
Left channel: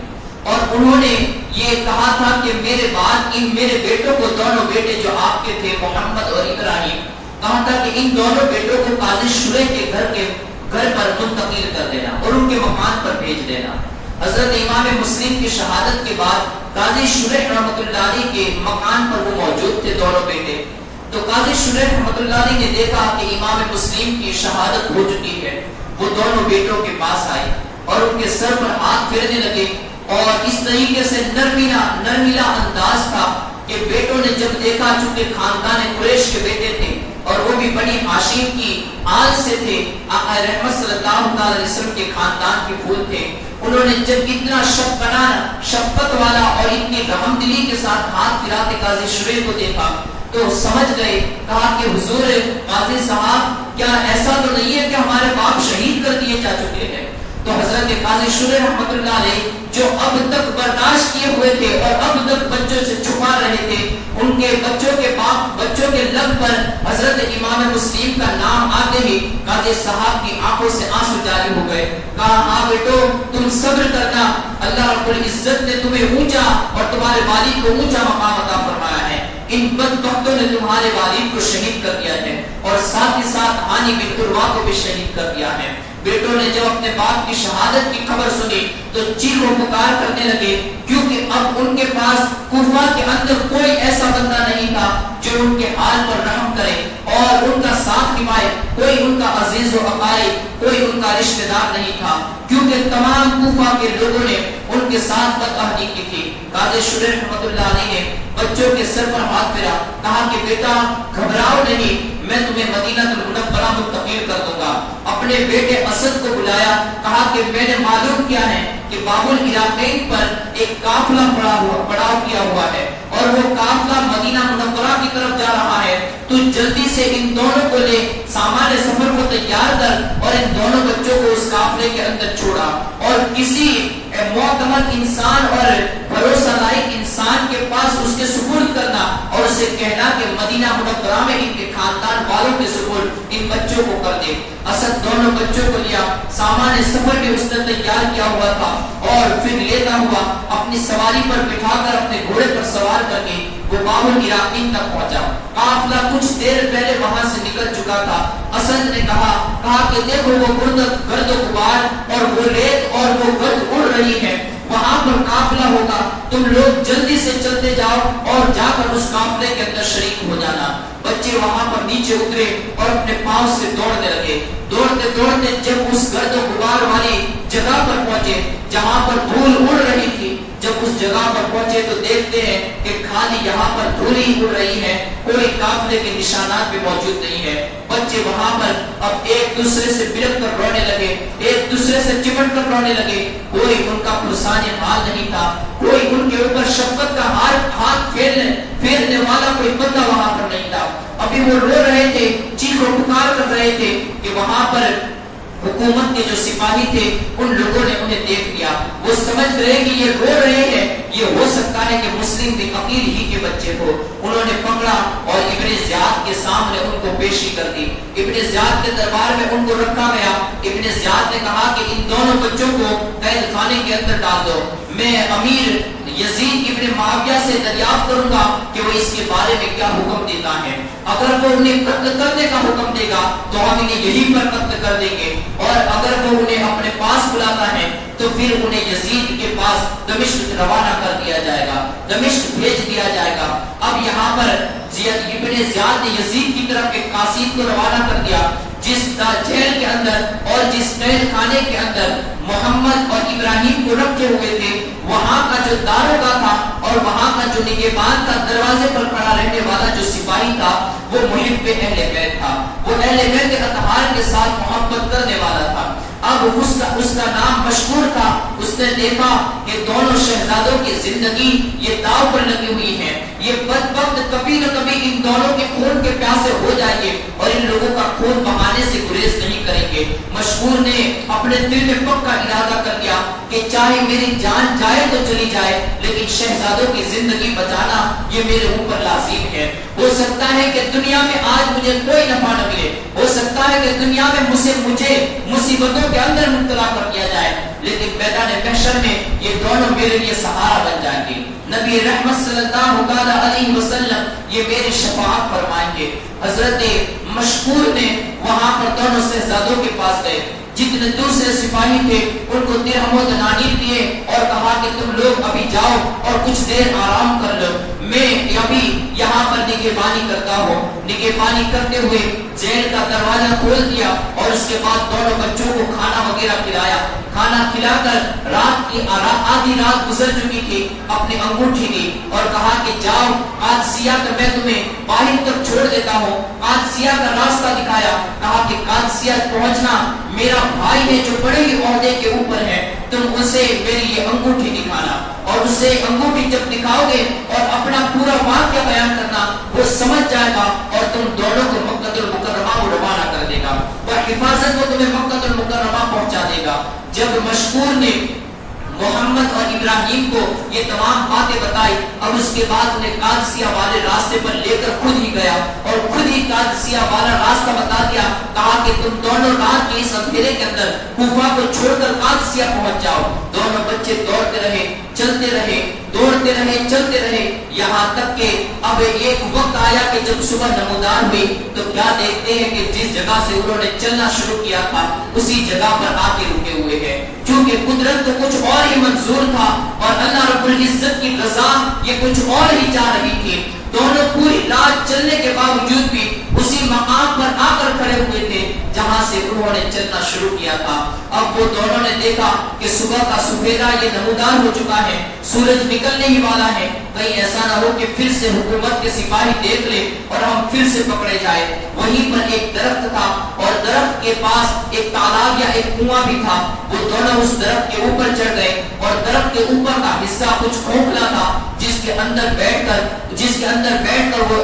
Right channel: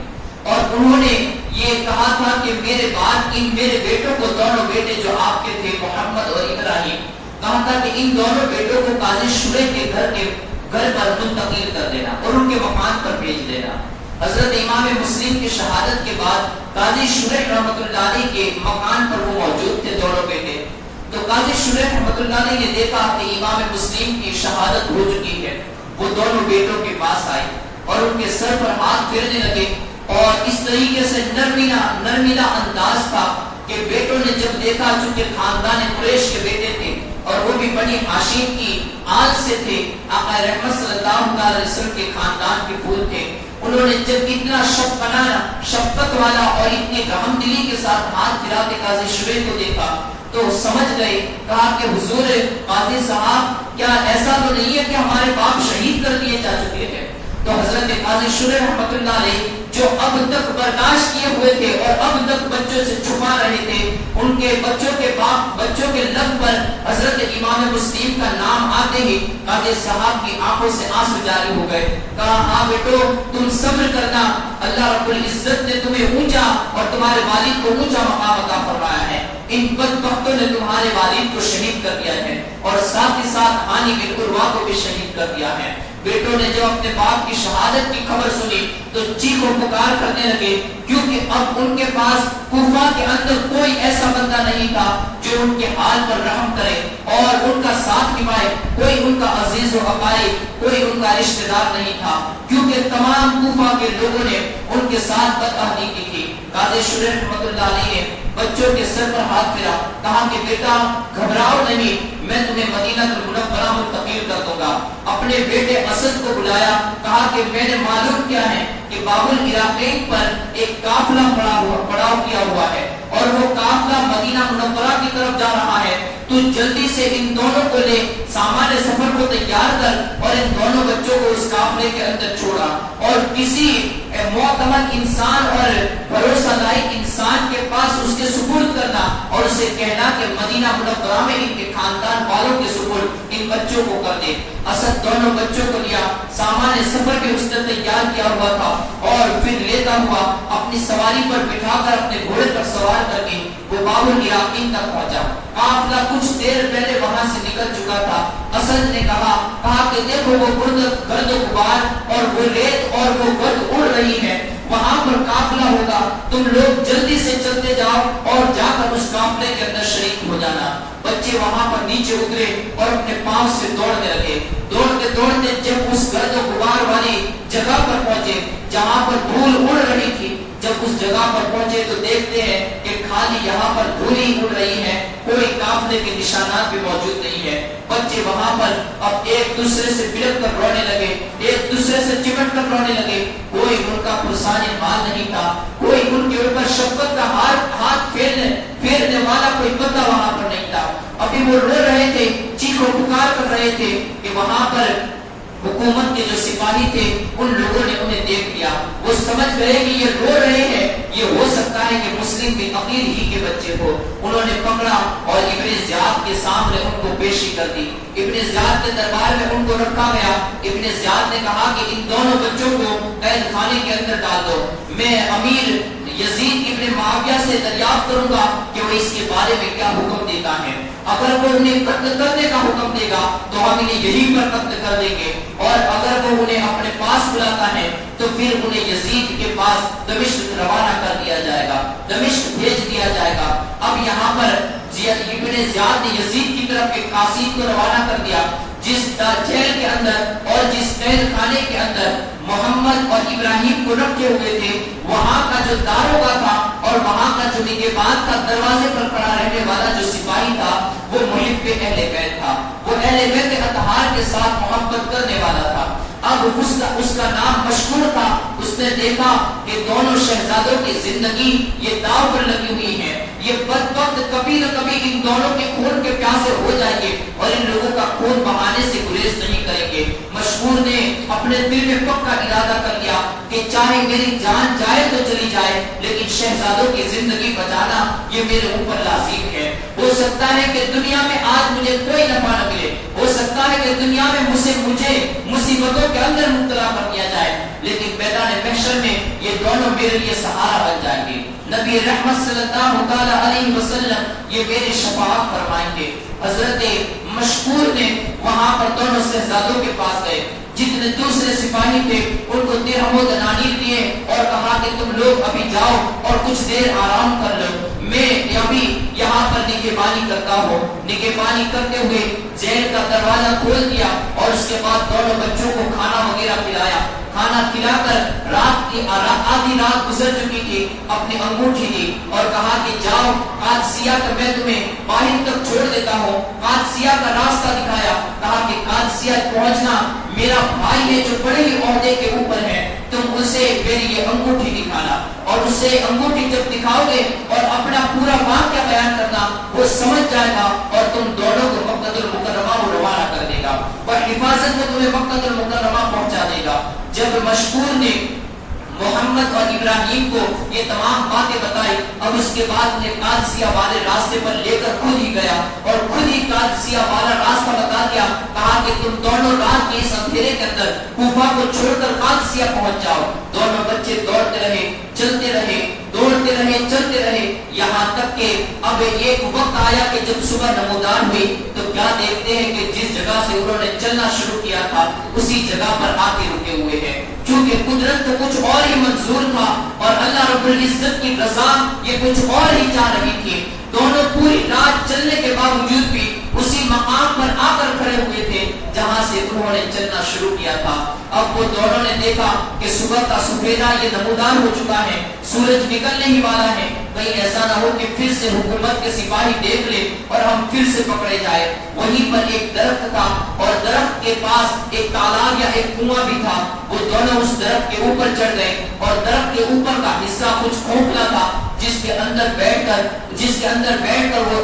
اور انہوں نے یہ کہا تھا کہ میرے بعد ان میرے بیٹوں کو، دونوں بیٹے جو آپ کے تھے محمد اور ابراہیم، کہا تھا کہ ان دونوں بیٹوں کو قاضی شریح کے گھر پر منتقل کر دینا اور ان کے مکان پر بھیج دینا. حضرت امام مسلم کی شہادت کے بعد قاضی شریح رحمۃ اللہ علیہ کے مکان پر وہ موجود تھے دونوں بیٹے. تو قاضی شریح رحمۃ اللہ علیہ نے دیکھا کہ امام مسلم کی شہادت ہو چکی ہے. وہ دونوں بیٹوں کے پاس آئے اور ان کے سر پر ہاتھ پھیرنے لگے اور اس طریقے سے نرمیلا انداز تھا کہ بیٹوں نے جب دیکھا، چونکہ خاندان قریش کے بیٹے تھے اور وہ بھی بڑی ہاشم کی آل سے تھے، آقا رحمت صلی اللہ علیہ وسلم کے خاندان کے پھول تھے، انہوں نے جب اتنا شفقت والا اور اتنی رحم دلی کے ساتھ ہاتھ پھراتے قاضی شریح کو دیکھا تو سمجھ گئے. کہا کہ حضور قاضی صاحب کیا ایسا تو نہیں ہے کہ ہمارے باپ شہید کر دیے جا چکے ہیں؟ تو حضرت قاضی شریح رحمۃ اللہ علیہ جو اب تک برداشت کیے ہوئے تھے اور اب تک بچوں سے چھپا رہے تھے، ان کے بچوں کے لب پر حضرت امام مسلم کا نام آتے ہی قاضی صاحب کی آنکھوں سے آنسو جاری ہو گئے. کہا ہاں بیٹو تم صبر کرنا، اللہ رب العزت نے تمہیں اونچا اور تمہارے والد کو اونچا مقام عطا فرمایا ہے. ان بدبختوں نے تمہارے والد کو شہید کر دیا ہے اور ساتھ ہی ساتھ ہانی بن عروہ کو بھی شہید کر دیا ہے. بیٹوں نے جب اپنے باپ کی شہادت کی خبر سنی تو چیخ و پکار کرنے لگے، کیونکہ اب ان کے پاس کوفہ کے اندر کوئی ایسا بندہ نہیں تھا جو ان کے حال پر رحم کرے اور ان کا ساتھ نبھائے. کوئی ان کا عزیز و اقارب، کوئی ان کا رشتہ دار نہیں تھا، کیونکہ تمام کوفہ کے لوگوں نے ان کے ساتھ بدعہدی کی تھی. قاضی شریح رحمۃ اللہ علیہ نے بچوں کے سر پر ہاتھ پھیرا، کہا کہ بیٹا گھبراؤ نہیں، میں تمہیں مدینہ المنورہ منتقل کر دوں گا. اپنے بیٹے اسد کو بلایا، کہا کہ میں نے معلوم کیا ہے کہ باب العراقین پر ایک قافلہ پڑاؤ کیا ہوا ہے اور وہ قافلہ مدینہ منورہ کی طرف جا رہا ہے. تو جلدی سے ان دونوں کو لے، سامان سفر کو تیار کر اور ان دونوں بچوں کو اس قافلے کے اندر چھوڑا اور کسی معتمد انسان اور بھروسہ لائق انسان کے پاس اس کے سپرد کرنا اور اسے کہنا کہ مدینہ منورہ میں ان کے خاندان والوں کے سپرد ان بچوں کو کر دے. اسد دونوں بچوں کو لیا، سامان سفر بھی اس نے تیار کیا ہوا تھا اور پھر لیتا ہوا اپنی سواری پر بٹھا کر اپنے گھوڑے پر سوار کر کے وہ باب العراقین تک پہنچا. قافلہ کچھ دیر پہلے وہاں سے نکل چکا تھا اسد نے کہا کہ دیکھو وہ گرد و غبار اور وہ ریت اور وہ گرد اڑ رہی ہے، وہاں پر قافلہ ہوگا، تم لوگ جلدی سے چلتے جاؤ اور جا کر اس قافلے کے اندر شریک ہو جانا۔ بچے وہاں پر نیچے اترے اور اپنے پاؤں سے دوڑنے لگے، دوڑتے دوڑتے جب اس گرد و غبار والی جگہ پر پہنچے جہاں پر دھول اڑ رہی تھی، جب اس جگہ پر پہنچے تو دیکھتے ہیں کہ خالی یہاں پر دھول ہی اڑ رہی ہے، کوئی قافلے کے نشانات بھی موجود نہیں ہے۔ بچے وہاں پر اب ایک دوسرے سے بلک کر رونے لگے، ایک دوسرے سے چمٹ کر رونے لگے، کوئی ان کا پرسان حال نہیں تھا، کوئی ان کے اوپر شفقت کا ہاتھ پھیرنے والا کوئی بندہ وہاں پر نہیں تھا۔ ابھی وہ رو رہے تھے، چیخ و پکار کر رہے تھے کہ وہاں پر حکومت کے جو سپاہی تھے ان لوگوں نے انہیں دیکھ لیا، وہ سمجھ گئے کہ یہ رو رہے ہیں، یہ ہو سکتا ہے کہ مسلم بھی عقیل ہی کے بچے ہو۔ انہوں نے پکڑا اور ابن زیاد کے سامنے ان کو پیشی کر دی، ابن زیاد کے دربار میں ان کو رکھا گیا۔ ابن زیاد نے کہا کہ ان دونوں بچوں کو قید خانے کے اندر ڈال دو، میں امیر یزید ابن معاویہ سے دریافت کروں گا کہ وہ اس کے بارے میں کیا حکم دیتا ہے، اگر وہ انہیں قتل کرنے کا حکم دے گا تو ہم انہیں یہی پر قتل کر دیں گے، اور اگر وہ انہیں اپنے پاس بلاتا ہے تو پھر انہیں یزید کے پاس دمشق روانہ کر دیا جائے گا، دمشق بھیج دیا جائے گا۔ اب یہاں پر ابن زیاد نے یزید کی طرف ایک قاصد کو روانہ کر دیا، جس جیل کے اندر اور جس قید خانے کے اندر محمد اور ابراہیم کو رکھے ہوئے تھے، وہاں کا جو داروغہ تھا اور وہاں کا جو نگہبان تھا، دروازے پر کھڑا رہنے والا جو سپاہی تھا، وہ محب اہل بیت تھا، وہ اہل بیت اطہار کے ساتھ محبت کرنے والا تھا۔ اب اس کا نام مشہور تھا۔ اس نے دیکھا کہ دونوں شہزادوں کی زندگی یہ داؤ پر لگی ہوئی ہے، یہ بدبخت کبھی نہ کبھی ان دونوں کے خون کے پیاسے ہو جائیں گے اور ان لوگوں کا خون بہانے سے گریز نہیں کریں گے۔ مشہور نے اپنے دل میں پکا ارادہ کر لیا کہ چاہے میری جان جائے تو چلی جائے، لیکن شہزادوں کی زندگی بچانا یہ میرے اوپر لازم ہے۔ ہو سکتا ہے کہ دنیا میں آج مجھے کوئی نفع نہ ملے، ہو سکتا ہے کہ دنیا میں مجھے مصیبتوں کے اندر مبتلا کر دیا جائے، لیکن میدان محشر میں یہ دونوں میرے لیے سہارا بن جائیں گے۔ نبی رحمت صلی اللہ علیہ وسلم یہ میری شفاعت فرمائیں گے۔ حضرت مشکور نے وہاں پر دونوں شہزادوں کے پاس گئے، جتنے دوسرے سپاہی تھے ان کو درہم و دنانیر دیے اور کہا کہ تم لوگ ابھی جاؤ اور کچھ دیر آرام کر لو، میں ابھی یہاں پر نگہبانی کرتا ہوں۔ نگہبانی کرتے ہوئے جیل کا دروازہ کھول دیا اور اس کے بعد دونوں بچوں کو کھانا وغیرہ کھلایا۔ کھانا کھلا کر رات کی آدھی رات گزر چکی تھی، اپنی انگوٹھی دی اور کہا کہ جاؤ قادسیہ کا میں تمہیں باہر تک چھوڑ دیتا ہوں۔ قادسیہ کا راستہ دکھایا، کہا کہ قادسیہ پہنچنا میرا بھائی ہے جو بڑے ہی عہدے کے اوپر ہے، تم اسے میری یہ انگوٹھی دکھانا، اور اسے انگوٹھی جب دکھاؤ گے اور اپنا پورا واقعہ بیان کرنا، وہ سمجھ جائے گا اور تم دونوں کو مکہ المکرمہ کو روانہ کر دے گا اور حفاظت میں تمہیں مکہ المکرمہ پہنچا دے گا۔ جب مشکور نے محمد اور ابراہیم کو یہ تمام باتیں بتائی، اب اس کے بعد انہیں قادسیہ والے راستے پر لے کر خود ہی گیا اور خود ہی قادسیہ والا راستہ بتا دیا، کہا کہ تم دونوں رات کے اس اندھیرے کے اندر کوفہ کو چھوڑ کر قادسیہ پہنچ جاؤ۔ دونوں بچے دوڑتے رہے، چلتے رہے، دوڑتے رہے، چلتے رہے، یہاں تک کہ اب ایک وقت آیا کہ جب صبح نمودار ہوئی تو کیا دیکھتے ہیں کہ جس جگہ سے انہوں نے چلنا شروع کیا تھا اسی جگہ پر آ کے رکے ہوئے ہیں، کیونکہ قدرت تو کچھ اور ہی منظور تھا اور اللہ رب العزت کی رضا یہ کچھ اور ہی چاہ رہی تھی۔ دونوں پوری رات چلنے کے باوجود بھی اسی مقام پر آ کر کھڑے ہوئے تھے جہاں سے انہوں نے چلنا شروع کیا تھا۔ اب وہ دونوں نے دیکھا کہ صبح کا سفیدہ یہ نمودار ہو چکا ہے، سورج نکلنے ہی والا ہے، کہیں ایسا نہ ہو کہ پھر سے حکومت کے سپاہی دیکھ لے اور ہم پھر سے پکڑے جائے۔ وہیں پر ایک درخت تھا اور درخت کے پاس ایک تالاب یا ایک کنواں بھی تھا، وہ دونوں اس درخت کے اوپر چڑھ گئے اور درخت کے اوپر کا حصہ کچھ کھوکھلا تھا جس کے اندر بیٹھ کر وہ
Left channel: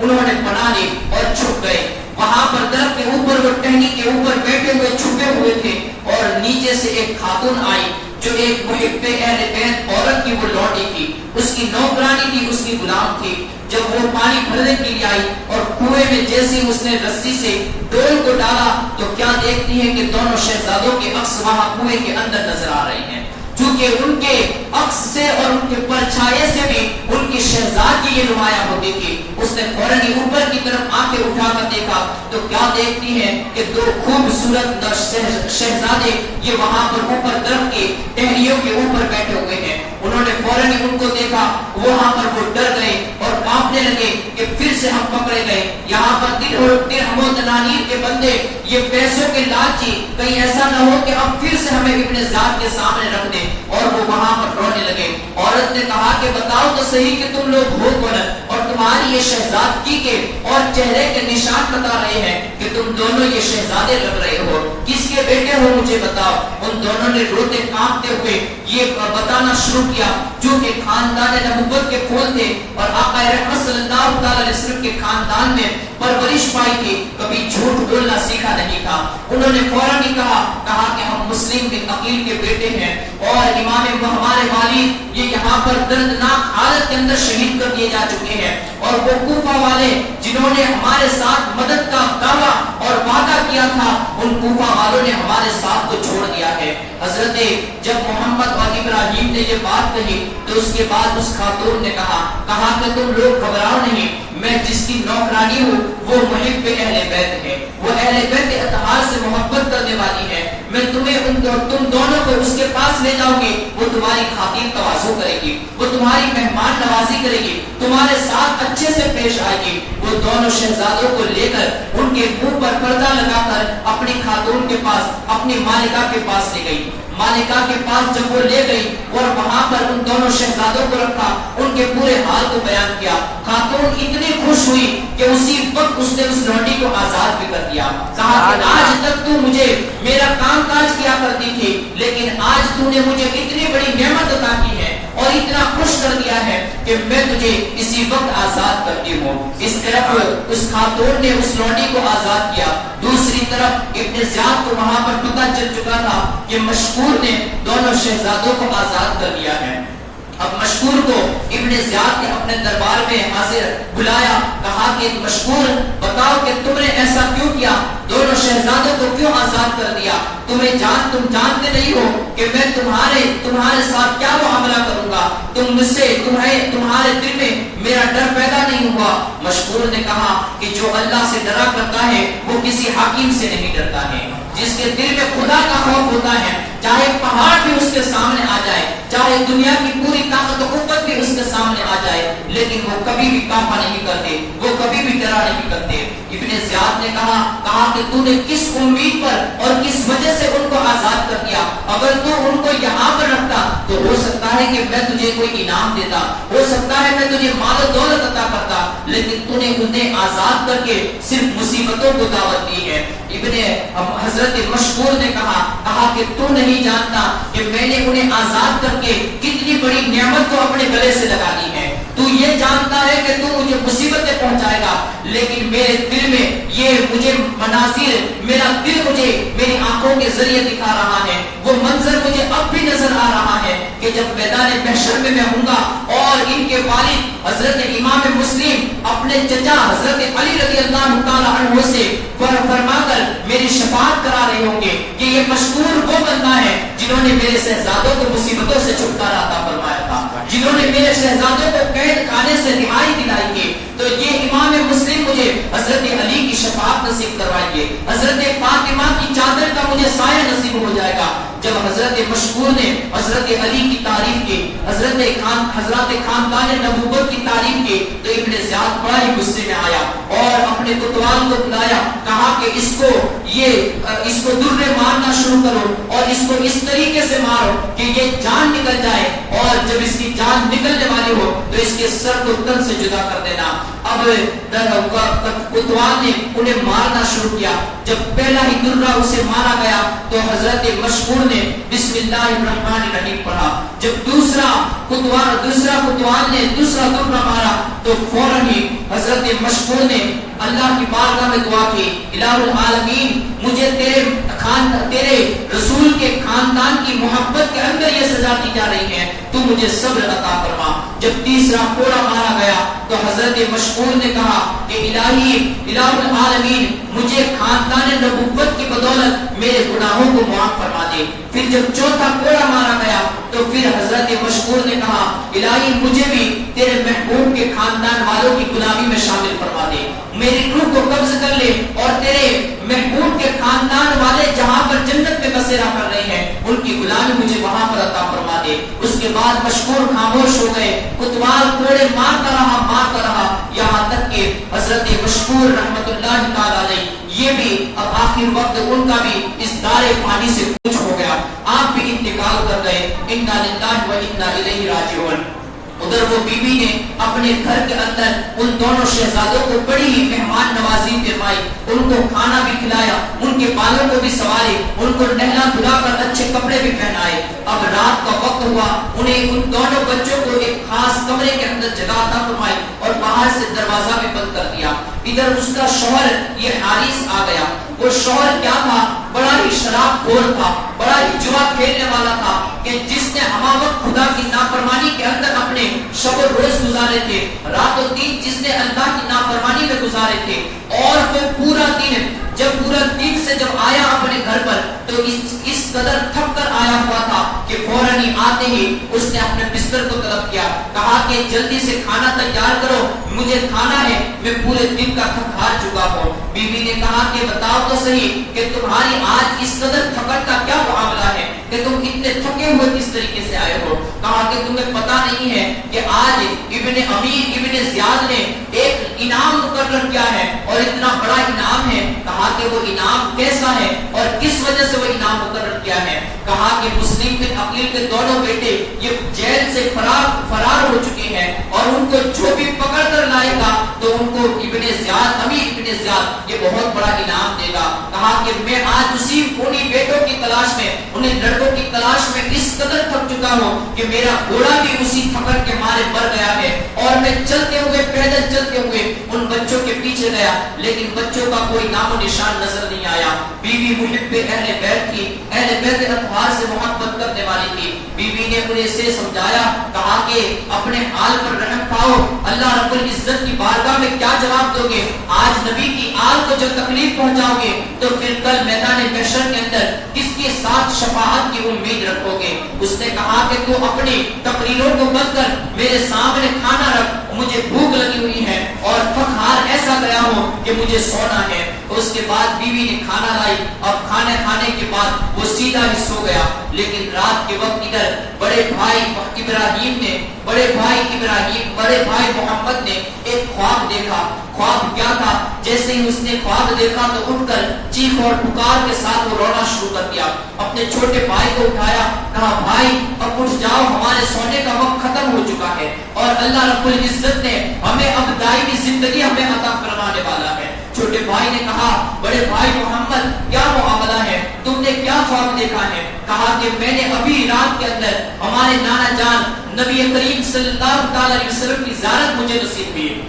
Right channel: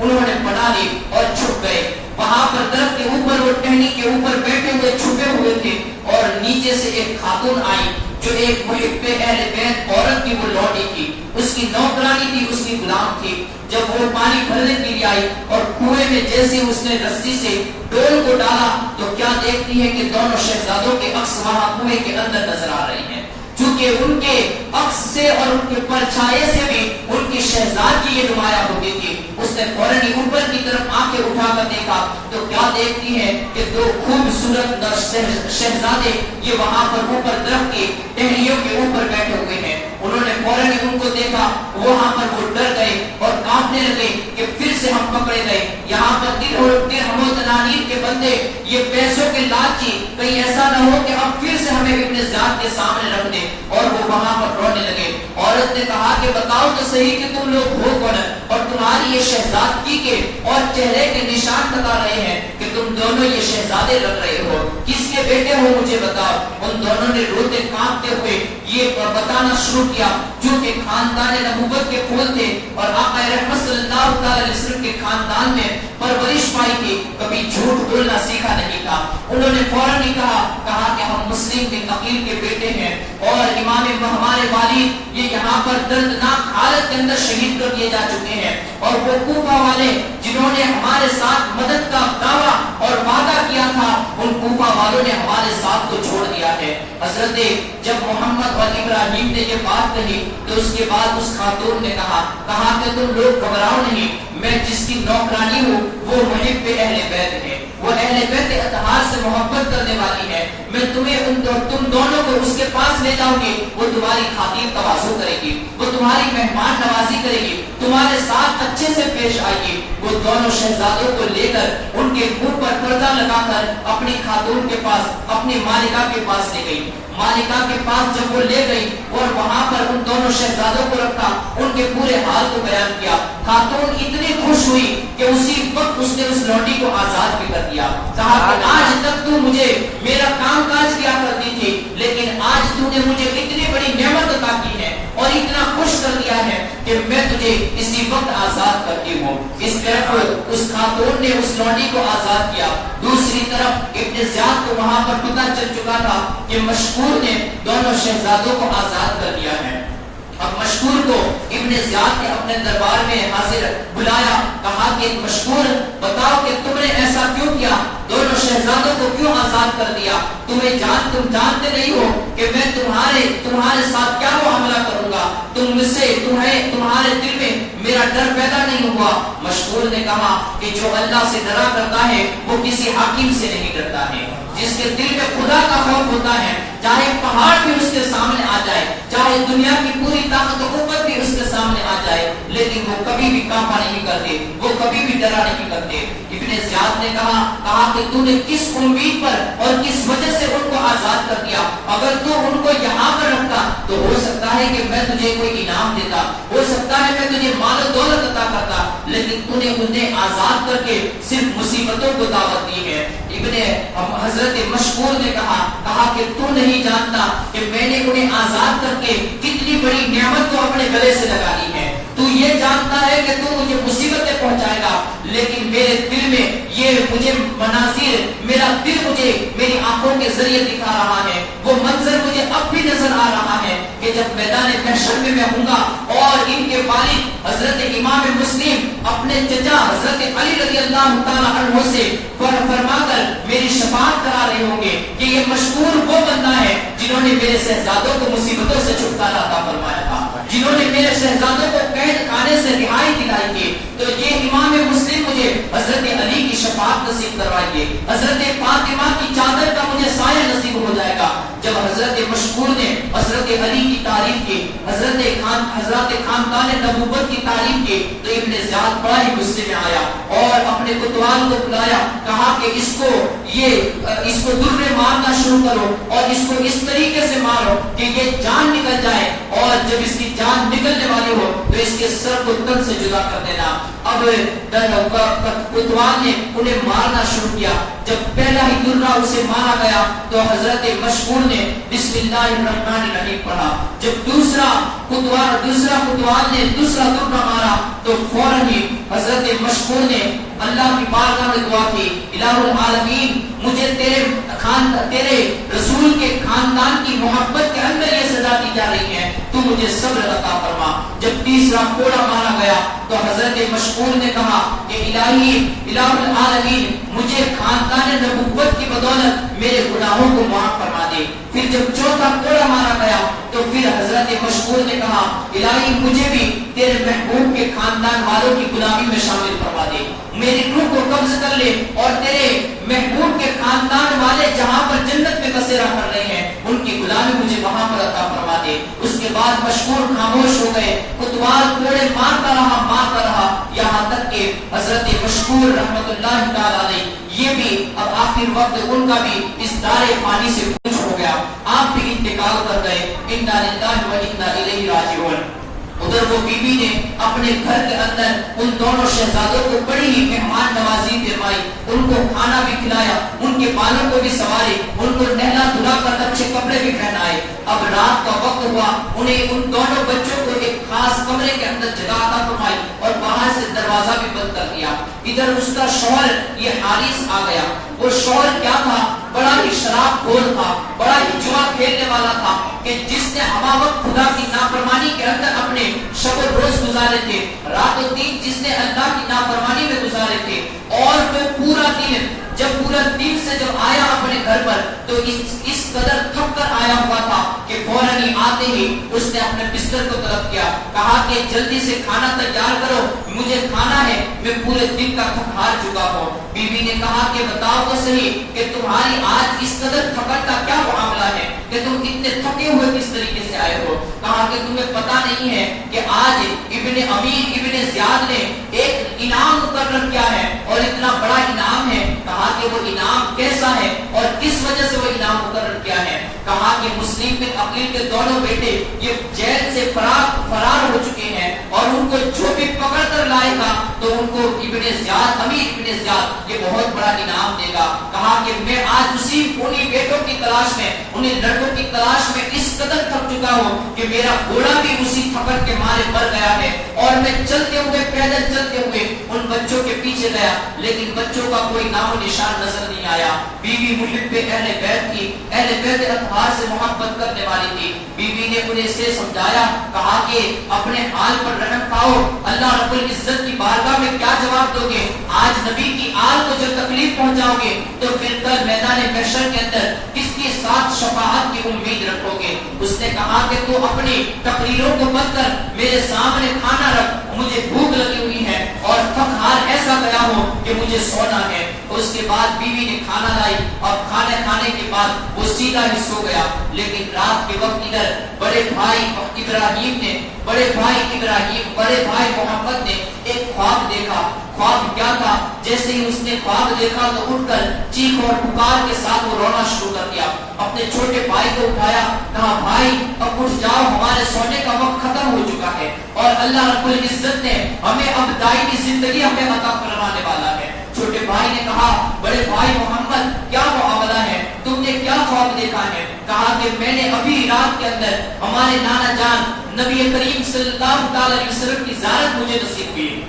انہوں نے بنا لی اور چھپ گئے۔ وہاں پر درخت کے اوپر وہ ٹہنی کے اوپر بیٹھے ہوئے چھپے ہوئے تھے اور نیچے سے ایک خاتون آئی جو ایک محب اہل بیت عورت کی وہ لوٹی تھی، اس کی نوکرانی تھی، اس کی غلام تھی۔ جب وہ پانی بھرنے کے لیے آئی اور کنویں میں جیسے اس نے رسی سے ڈول کو ڈالا تو کیا دیکھتی ہے کہ دونوں شہزادوں کے عکس وہاں کنویں کے اندر نظر آ رہی ہیں۔ چونکہ ان کے عکس سے اور ان کے پرچھائے سے بھی ان کی شہزادگی یہ نمایاں ہوتی تھی. اس نے فوراً ہی اوپر کی طرف آنکھیں اٹھا کر دیکھا تو کیا دیکھتی ہے کہ دو خوبصورت شہزادے یہ وہاں پر اوپر درخت کی ٹہنیوں کے اوپر بیٹھے ہوئے ہیں. انہوں نے فوراً ہی ان کو دیکھا, وہاں پر وہ ڈر گئے اور کانپنے لگے کہ پھر سے ہم پکڑے گئے. یہاں پر درہم و دنانیر کے بندے, یہ پیسوں کے لالچی, کہیں ایسا نہ ہو کہ اب پھر سے ہمیں ابن زیاد کے سامنے رکھ دیں. اور وہ وہاں پر رونے لگے. عورت نے کہا کہ بتاؤ تو صحیح کہ تم لوگ ہو کون, اور تمہاری یہ شہزادگی کے اور چہرے کے نشان بتا رہے ہیں کہ تم دونوں یہ شہزادے لگ رہے ہو, کس کے بیٹے ہو مجھے بتاؤ. ان دونوں نے روتے کانپتے ہوئے یہ بتانا شروع کیا, جو کہ خاندان نبوت کے پھول تھے اور آقا رحمت صلی اللہ علیہ وسلم کے خاندان میں پرورش پائی تھی, کبھی جھوٹ بولنا سیکھا نہیں تھا. انہوں نے فوراً ہی کہا کہ ہم مسلم کے عقیل کے بیٹے ہیں اور امام ہمارے والد یہ یہاں پر دردناک حالت کے اندر شہید کر دیے جا چکے ہیں, اور وہ کوفہ والے جنہوں نے ہمارے ساتھ مدد کا دعویٰ اور وعدہ کیا تھا, ان کوفہ والوں نے ہمارے ساتھ کو چھوڑ دیا ہے. حضرت جب محمد اور ابراہیم نے یہ بات کہی تو اس کے بعد اس خاتون نے کہا کہ تم لوگ گھبراؤ نہیں, میں جس کی نوکرانی ہوں وہ محب اہل بیت ہے, وہ اہل بیت اطہار سے محبت کرنے والی ہے. میں تمہیں تم دونوں کو اس کے پاس لے جاؤں گی, وہ تمہاری خاطر تواضع کرے گی, وہ تمہاری مہمان نوازی کرے گی, تمہارے ساتھ اچھے سے پیش آئے گی. وہ دونوں شہزادوں کو لے کر ان کے منہ پر پردہ لگا کر اپنی خاتون کے پاس, اپنی مالکہ کے پاس لے گئی. مالکہ کے پاس جب وہ لے گئی اور وہاں پر ان دونوں شہزادوں کو رکھا, ان کے پورے حال کو بیان کیا, خاتون اتنی خوش ہوئی کہ اسی وقت اس نے اس لونڈی کو آزاد بھی کر دیا. کہا کہ آج تک تو مجھے میرا کام کاج کیا کرتی تھی, لیکن آج تو نے مجھے اتنی بڑی نعمت عطا کی ہے اور اتنا خوش کر دیا ہے کہ میں تجھے اسی وقت آزاد کرتی ہوں. اس طرف اس خاتون نے اس لونڈی کو آزاد کیا, دوسری طرف ابن زیاد کو وہاں پر پتہ چل چکا تھا کہ مشکور نے دونوں شہزادوں کو آزاد کر دیا ہے. اب مشکور کو ابن زیاد نے اپنے دربار میں حاضر بلایا, کہا کہ مشکور بتاؤ کہ تم نے ایسا کیوں کیا, دونوں شہزادوں کو کیوں آزاد کر دیا, تم جانتے نہیں ہو کہ میں تمہارے ساتھ کیا معاملہ کروں گا, تم مجھ سے تمہارے دل میں میرا ڈر پیدا نہیں ہوا. مشکور نے کہا کہ جو اللہ سے ڈرا کرتا ہے وہ کسی حاکم سے نہیں ڈرتا ہے. جس کے دل میں خدا کا خوف ہوتا ہے, چاہے پہاڑ بھی اس کے سامنے آ جائے, چاہے دنیا کی پوری طاقت و قوت بھی اس کے سامنے آ جائے, لیکن وہ کبھی بھی کانپا نہیں کرتے, وہ کبھی بھی ڈرا نہیں کرتے. ابن زیاد نے کہا کہ تو نے کس امید پر اور کس وجہ سے ان کو آزاد کر دیا, اگر تو ان کو یہاں پر رکھتا تو ہو سکتا ہے کہ میں تجھے کوئی انعام دیتا, ہو سکتا ہے میں تجھے مال و دولت عطا کرتا, لیکن تو نے انہیں آزاد کر کے صرف مصیبتوں کو دعوت دی ہے. حضرت مشکور نے کہا کہ تو نہیں جانتا کہ میں نے انہیں آزاد کر کے کتنی بڑی نعمت کو اپنے گلے سے لگا لی ہے. تو یہ جانتا ہے کہ تو مجھے مصیبتیں پہنچائے گا, لیکن میرے دل میں یہ مجھے مناظر, میرا دل مجھے میری آنکھوں کے ذریعے دکھا رہا ہے, وہ منظر مجھے اب بھی نظر آ رہا ہے کہ جب میدان محشر میں میں ہوں گا اور ان کے والد حضرت امام مسلم اپنے چچا حضرت علی رضی اللہ تعالی عنہ سے فرما کر میری شفاعت کرا رہے ہوں گے کہ یہ مشکور وہ بندہ ہے جنہوں نے میرے شہزادوں کو مصیبتوں سے چھٹکارا عطا فرمایا تھا, جنہوں نے میرے شہزادوں کو قید خانے سے رہائی دلائی تھی. تو یہ امام مسلم مجھے حضرت علی کی شفاعت نصیب کروائیے, حضرت فاطمہ کی چادر کا مجھے سایہ نصیب ہو جائے گا. جب حضرت مشکور نے حضرت علی کی تعریف کی, حضرت خاندان نبوت کی تعریف کی, تو ابن زیاد بڑا ہی غصے میں آیا اور اپنے کوتوال کو بلایا, کہا کہ اس کو در مارنا شروع کرو اور اس کو اس طریقے سے مارو کہ یہ جان نکل جائے, اور جب اس کی جان نکلنے والی ہو تو اس کے سر کو تن سے جدا کر دینا. اب کوتوال نے انہیں مارنا شروع کیا. جب پہلا ہی درہ اسے مارا گیا تو حضرت مشکور نے بسم اللہ الرحمن الرحیم پڑھا. جب دوسرا کوتوال نے دوسرا درہ مارا تو فوراً ہی حضرت مشکور نے اللہ کی بارگاہ میں دعا کی, الہ العالمین مجھے تیرے رسول کے خاندان کی محبت کے اندر یہ سزا دی جا رہی ہے, تو مجھے صبر عطا فرما. جب تیسرا کوڑا مارا گیا تو حضرت مشکور نے کہا کہ الہ العالمین مجھے خاندان نبوت کی بدولت میرے گناہوں کو معاف فرما دے. پھر جب چوتھا کوڑا مارا گیا تو پھر حضرت مشکور نے کہا الہی مجھے بھی تیرے محبوب کے خاندان والوں کی غلامی میں شامل فرما دے, میری روح کو قبض کر لے اور تیرے محبوب کے خاندان والے جہاں پر جنت میں بسیرا کر رہے ہیں ان کی غلامی مجھے وہاں پر عطا فرما دے. اس کے بعد مشکور خاموش ہو گئے, کوتوال کوڑے مارتا رہا یہاں تک کہ حضرت مشکور رحمت اللہ تعالی علیہ یہ بھی اب آخر وقت ان کا بھی اس دار فانی سے کوچ ہو گیا, آپ بھی انتقال کر گئے. انا للہ و انا الیہ راجعون. ادھر وہ بی بی نے اپنے گھر کے اندر ان دونوں شہزادوں کو بڑی ہی مہمان نوازی فرمائی, ان کو کھانا بھی کھلایا, ان کے بالوں کو بھی سنوارے, ان کو نہلا دھلا کر اچھے کپڑے بھی پہنائے. اب رات کا وقت ہوا, انہیں ان دونوں بچوں کو ایک خاص کمرے کے اندر جگہ عطا فرمائی اور باہر سے دروازہ بھی بند کر دیا. ادھر اس کا شوہر یہ حارث آ گیا. وہ شوہر کیا تھا, بڑا ہی شراب خور تھا, بڑا ہی جوا کھیلنے والا تھا کہ جس نے ہمہ وقت خدا کی نافرمانی کے اندر اپنے شب و روز گزارے تھے, رات و دن جس نے اللہ کی نافرمانی میں گزارے تھے. اور وہ پورا دن سے جب آیا اپنے گھر پر تو اس قدر تھک کر آیا ہوا تھا کہ فوراً ہی آتے ہی اس نے اپنے بستر کو طلب کیا, کہا کہ جلدی سے کھانا تیار کرو, مجھے کھانا ہے, میں پورے دن کا تھک ہار چکا ہوں. بیوی نے کہا کہ بتاؤ تو صحیح کہ تمہاری آج اس قدر تھکن کا کیا معاملہ ہے کہ تم اتنے تھکے ہوئے کس طریقے سے آئے ہو. کہا کہ تمہیں پتا نہیں ہے کہ آج ابن امیر ابن زیاد نے ایک انعام مقرر کیا ہے اور اتنا بڑا انعام ہے. کہا کہ وہ انعام کیسا ہے اور کس وجہ سے وہ انعام مقرر کیا ہے. کہا کہ مسلم بن عقیل کے دونوں بیٹے یہ جیل سے فرار ہو چکے ہیں اور ان کو جو بھی پکڑ کر لائے گا تو ان کو ابن زیاد امیر ابن زیاد یہ بہت بڑا انعام دے گا. کہا کہ میں آج انہی بیٹوں کی تلاش میں, انہیں لڑکوں کی تلاش میں اس قدر تھک چکا ہوں کہ میرا گھوڑا بھی اسی تھکن کے مارے مر گیا ہے اور میں پیدل چلتے ہوئے ان بچوں کے پیچھے گیا لیکن بچوں کا کوئی نام و نشان نظر نہیں آیا. بیوی محب اہل بیت تھی, اہل بیت اطہار سے محبت کرنے والی تھی. بیوی نے انہیں سے سمجھایا, کہا کہ اپنے حال پر رحم پاؤ, اللہ رب العزت کی بارگاہ میں کیا جواب دو گے؟ آج نبی کی آل کو جو تکلیف پہنچاؤ گے تو پھر کل میدان محشر کے اندر کس کے ساتھ شفاعت کی امید رکھو گے؟ اس نے کہا کہ تو اپنی تقریروں کو بند کر میرے سامنے کھانا رکھ, مجھے بھوک لگی ہوئی ہے اور فخار ایسا گیا ہو کہ مجھے سونا ہے. اس کے بعد بیوی نے کھانا لائی. اب کھانے کھانے کے بعد وہ سیدھا ہی سو گیا. لیکن رات کے وقت ادھر بڑے بھائی محمد نے ایک خواب دیکھا. خواب کیا تھا؟ جیسے ہی اس نے خواب دیکھا تو اٹھ کر چیخ اور پکار کے ساتھ وہ رونا شروع کر دیا. اپنے چھوٹے بھائی کو اٹھایا, کہا بھائی اب اٹھ جاؤ, ہمارے سونے کا وقت ختم ہو چکا ہے اور اللہ رب العزت نے ہمیں اب دائمی زندگی ہمیں عطا کروانے والا ہے. چھوٹے بھائی نے کہا بڑے بھائی محمد کیا معاملہ ہے, تم نے کیا خواب دیکھا ہے؟ کہا کہ میں نے ابھی رات کے اندر ہمارے نانا جان نبی کریم صلی اللہ علیہ وسلم کی زیارت مجھے نصیب ہوئی.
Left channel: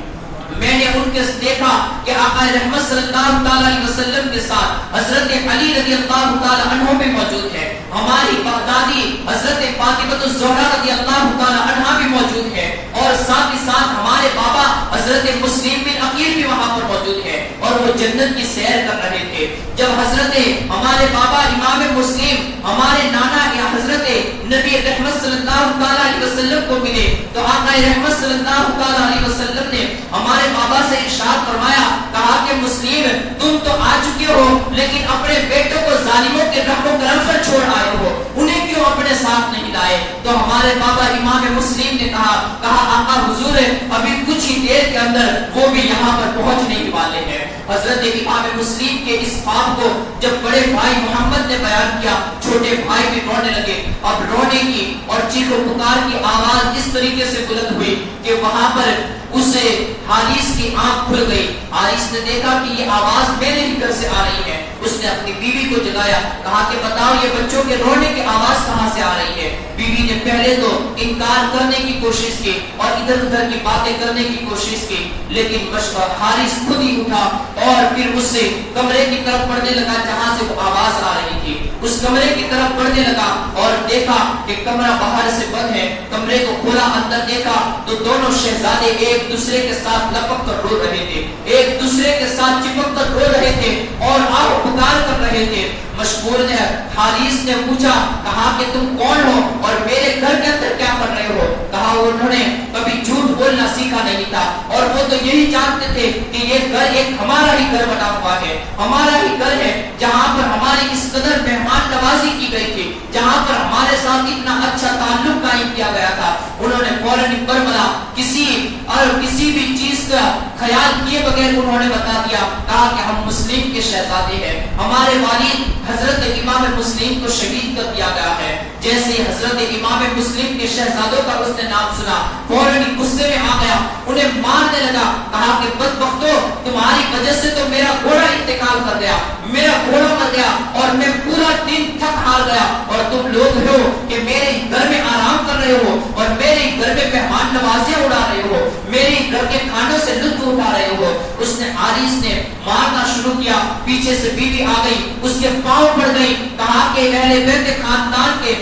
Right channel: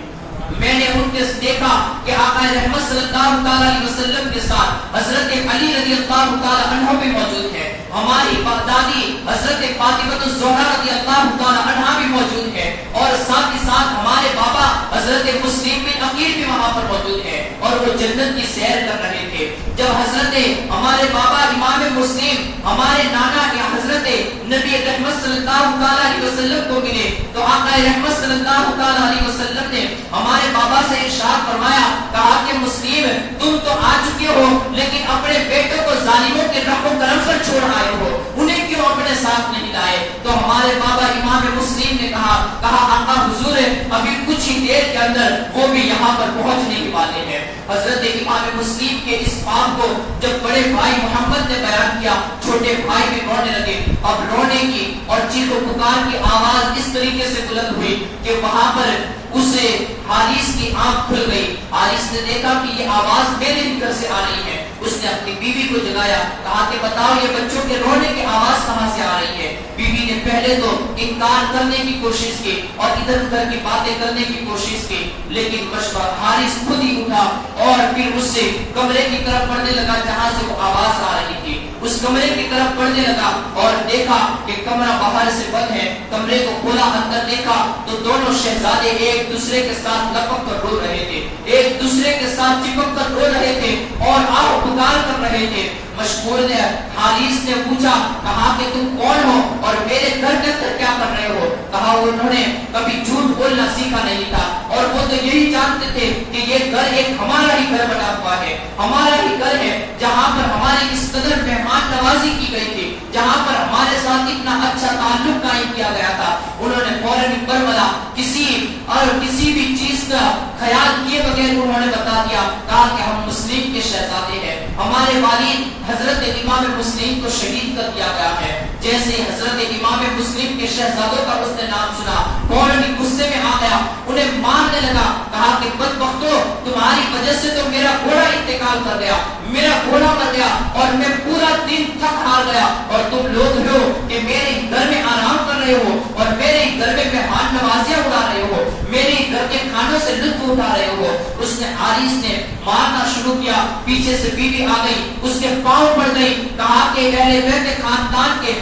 میں نے ان کے دیکھا کہ آقا رحمت صلی اللہ علیہ وسلم کے ساتھ حضرت علی رضی اللہ تعالی عنہ بھی موجود ہے, ہماری دادی حضرت فاطمہ الزہرا رضی اللہ تعالی عنہا بھی موجود ہے اور ساتھ ہی ساتھ ہمارے بابا حضرت مسلم بن عقیل بھی وہاں پر موجود ہے اور وہ جنت کی سیر کر رہے تھے. جب حضرت ہمارے بابا امام مسلم ہمارے نانا حضرت نبی رحمت صلی اللہ تعالی علیہ وسلم کو ملے تو آقا رحمت صلی اللہ تعالی علیہ وسلم نے ہمارے بابا سے ارشاد فرمایا, کہا کہ مسلم تم تو آ چکے ہو لیکن اپنے بیٹوں کو ظالموں کے رحم و کرم پر چھوڑ آئے ہو, انہیں کیوں اپنے ساتھ نہیں لائے؟ تو ہمارے بابا امام مسلم نے کہا آقا حضور ابھی کچھ ہی دیر کے اندر وہ بھی یہاں پر پہنچنے ہی والے ہیں. حضرت امام مسلم کے اس خواب کو جب بڑے بھائی محمد نے بیان کیا, چھوٹے بھائی بھی رونے لگے. اب رونے کی اور چیخ و پکار کی آواز اس طریقے سے بلند ہوئی کہ وہاں پر اسے حارث کی آنکھ کھل گئی. حارث نے دیکھا کہ یہ آواز میرے ہی گھر سے آ رہی ہے. اس نے اپنی بیوی کو جگایا, کہا کہ بتاؤ یہ بچوں کے رونے کی آواز کہاں سے آ رہی ہے؟ بیوی نے پہلے تو انکار کرنے کی کوشش کی اور ادھر ادھر کی باتیں کرنے کی کوشش کی, لیکن حارث خود ہی اٹھا اور پھر اس سے کمرے کی طرف بڑھنے لگا جہاں سے وہ آواز آ رہی تھی. اس کمرے کی طرف بڑھنے لگا اور دیکھا کہ کمرہ باہر سے بند ہے. کمرے کو کھولا, اندر دیکھا تو دونوں شہزادے ایک دوسرے کے ساتھ لپک کر رو رہے تھے, ایک دوسرے کے ساتھ چپک کر رو رہے تھے اور آہ پکار کر رہے تھے. مشغول نے حارث نے پوچھا، کہا کہ تم کون ہو اور میرے گھر کے اندر کیا کر رہے ہو؟ کہا انہوں نے کبھی جھوٹ بولنا سیکھا نہیں تھا اور وہ تو یہی جانتے تھے کہ یہ گھر ایک ہمارا ہی گھر بنا ہوا ہے، ہمارا ہی گھر ہے جہاں پر ہماری اس قدر مہمان نوازی کی گئی تھی، جہاں پر ہمارے ساتھ اتنا اچھا تعلق قائم کیا گیا تھا۔ انہوں نے فوراً برملا کسی بھی چیز کا خیال کیے بغیر انہوں نے بتا دیا، کہا کہ ہم مسلم کے شہزادے ہیں، ہمارے والد حضرت امام مسلم کو شہید کر دیا گیا ہے۔ جیسے حضرت امام مسلم کے شہزادوں کا اس نے نام سنا، فوراً غصے میں آ گیا، انہیں مارنے لگا، کہا کہ بدبختو، تمہاری وجہ سے تو میرا گھوڑا انتقال کر گیا، میرا گھوڑا مر گیا اور میں پورا دن تھک ہار گیا، اور تم لوگ ہو کہ میرے گھر میں آرام کر رہے ہو اور میرے گھر میں مہمان نوازیاں اڑا رہے ہو، میرے گھر کے کھانوں سے لطف اٹھا رہے ہو۔ اس نے حارث نے مارنا شروع کیا، پیچھے سے بیوی آ گئی، اس کے پاؤں پڑ گئی، کہا کہ اہل بیت خاندان کے،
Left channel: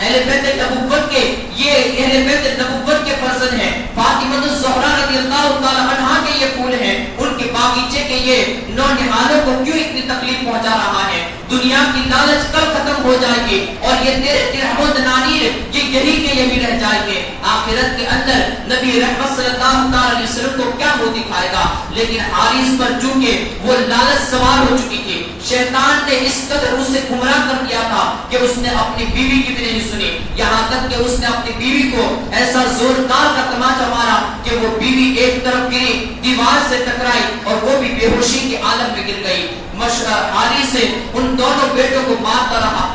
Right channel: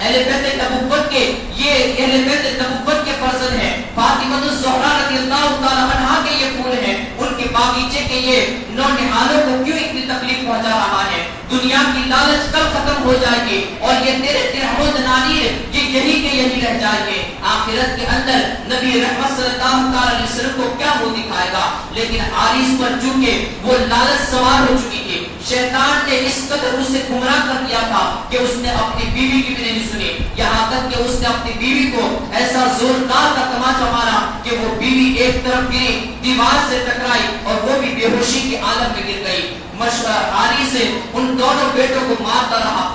اہل بیت نبوت کے، یہ اہل بیت نبوت کے فرزند ہیں، فاطمہ الزہرا رضی اللہ تعالی عنہا کے یہ پھول ہیں، ان کے باغیچے کے یہ نونہالوں کو کیوں اتنی تکلیف پہنچا رہا ہے؟ دنیا کی لالچ کل ختم ہو جائے گی اور یہ تیرے درہم و دنانیر یہ یہی کے یہی رہ جائیں گے، آخرت کے اندر نبی رحمت صلی اللہ علیہ وسلم کو کیا منہ دکھائے گا؟ لیکن حارث پر چونکہ وہ لالچ سوار ہو چکی تھی، شیطان نے اس قدر اسے گمراہ کر دیا تھا کہ اس نے اپنی بیوی کی بھی نہیں سنی، یہاں تک کہ اس نے اپنی بیوی کو ایسا زوردار کا تماچا مارا کہ وہ بیوی ایک طرف گری، دیوار سے ٹکرائی اور وہ بھی بے ہوشی کے عالم میں گر گئی۔ حارث سے ان دونوں بیٹوں کو مارتا رہا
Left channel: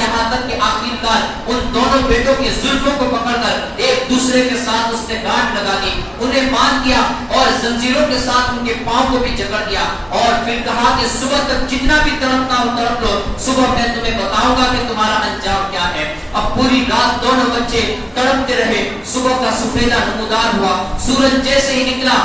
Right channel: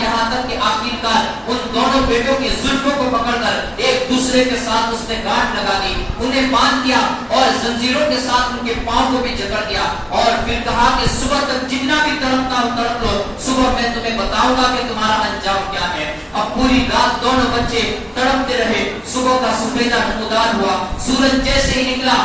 یہاں تک کہ آخرکار ان دونوں بیٹوں کی زلفوں کو پکڑ کر ایک دوسرے کے ساتھ اس نے گانٹھ لگا دی، انہیں باندھ دیا اور زنجیروں کے ساتھ ان کے پاؤں کو بھی جکڑ دیا، اور پھر کہا کہ صبح تک جتنا بھی تڑپنا ہو تڑپ لو، صبح میں تمہیں بتاؤں گا کہ تمہارا انجام کیا ہے۔ اب پوری رات دونوں بچے تڑپتے رہے، صبح کا سفیدہ نمودار ہوا، سورج جیسے ہی نکلا،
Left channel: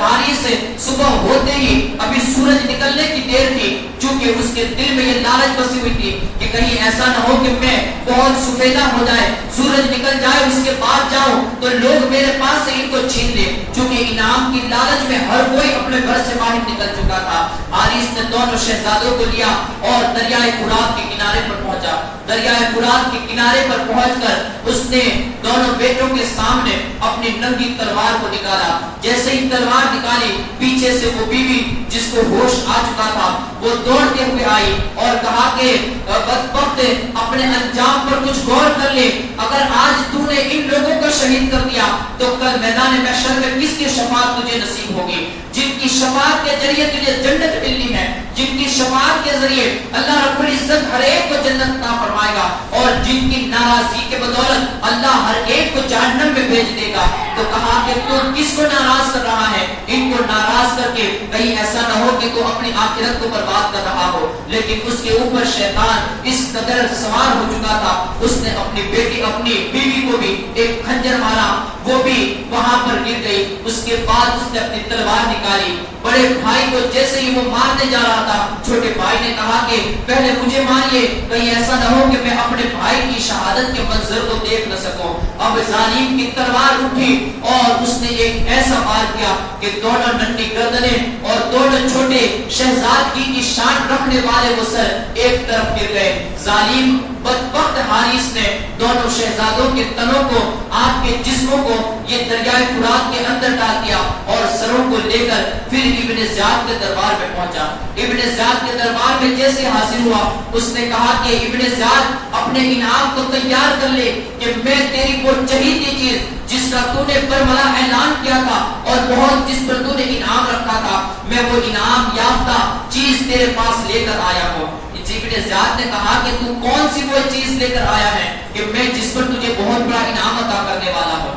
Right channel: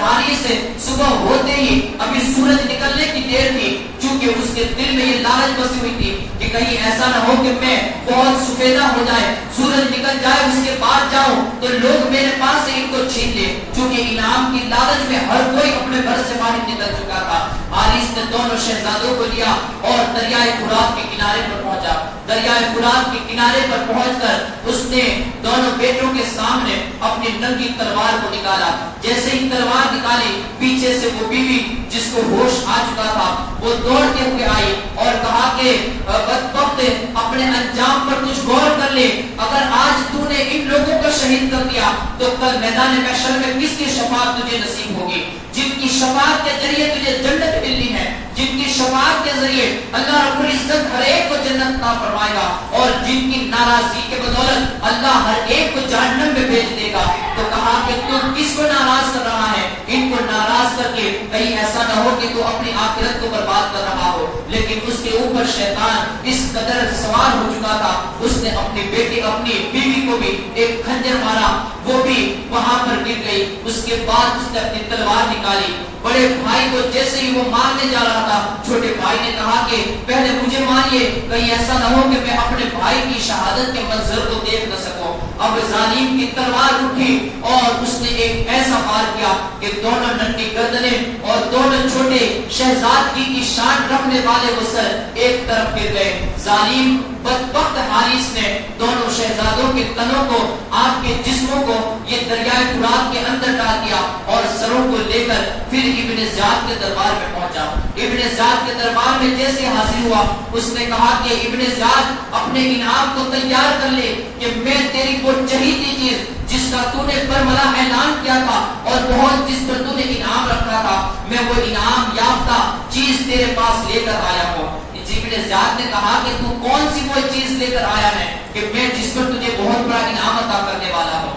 حارث سے صبح ہوتے ہی ابھی سورج نکلنے کی دیر تھی، چونکہ اس کے دل میں یہ لالچ بسی ہوئی تھی کہ کہیں ایسا نہ ہو کہ میں بہت سفیدہ ہو جائے، سورج نکل جائے، اس کے بعد جاؤں تو لوگ میرے پاس سے ان کو چھین لے، چونکہ انعام کی لالچ میں ہر کوئی اپنے گھر سے باہر نکل چکا تھا۔ حارث نے دونوں شہزادوں کو لیا اور دریائے فرات کے کنارے پر پہنچا، دریائے فرات کے کنارے پر پہنچ کر اس نے دونوں بیٹوں کے سامنے اپنی ننگی تلوار کو نکالا، جیسے ہی تلوار نکالی پیچھے سے وہ بیوی جس کو ہوش آ چکا تھا وہ دوڑتے ہوئے آئی اور کہا کہ بدبخت اپنے انجام پر کچھ غور کر لے، اگر آج تو نے ان لوگوں کو شہید کر دیا تو کل میدان محشر میں کس کی شفاعت تجھے نصیب ہوگی؟ جن کی شفاعت کے ذریعے تجھے جنت ملنی ہے، جن کی شفاعت کے ذریعے اللہ رب العزت ہر ایک کو جنت عطا فرمائے گا، اور جن کی ناراضی کے بدولت اللہ ہر ایک کو جہنم میں بھیج دے گا۔ تو کہا کہ تو کس کو ناراض کر رہا ہے؟ ان کو ناراض کر کے کہیں ایسا نہ ہو کہ تو اپنی آخرت کو برباد کر رہا ہو۔ لیکن اس کے اوپر شیطان اس قدر سوار ہو چکا تھا، اس نے اپنی بیٹی اپنی بیوی کو بھی ایک خنجر مارا، وہ بھی وہاں پر گر گئی۔ اس کے بعد اس نے اپنی تلوار نکالی، بڑے بھائی کو جیسے ہی وہ مارنے جا رہا تھا، چھوٹے بھائی نے کہا کہ پہلے مجھے ماریے، کہیں ایسا نہ ہو کہ میں اپنے بھائی کی شہادت کے منظر کو دیکھ نہ سکوں۔ اب ظالم کی تلوار اٹھی اور اس نے ایک ایسا وار کیا کہ دونوں ننھی گردنیں اور دونوں چھوٹے شہزادگی کی شان رکھنے والے وہ سر ایک طرف گر گئے۔ ظالم بدبخت حارث نے دونوں شہزادوں کے تنوں کو، آپ کے جسموں کو یہ دریائے فرات کے اندر ڈال دیا اور سروں کو لے کر پھر ابن زیاد کے دربار میں پہنچا۔ ابن زیاد کے دربار میں جیسے حاضر ہوا، اس نے کہا کہ ابن زیاد اپنے انعام کو تیار کر لے کہ میں تیری وہ چہیتی چیز جس کا تو نے برملا اعلان کیا تھا اور بہت جس پر تو نے انعام رکھا تھا، میں وہ انعام یافتہ چیز تیرے پاس لے کر آیا ہوں۔ ابن زیاد نے کہا کہ تو کون سی وہ چیز لے کر آیا ہے کہ میں جس پر تجھے بہت بڑا انعام عطا کرنے والا ہوں؟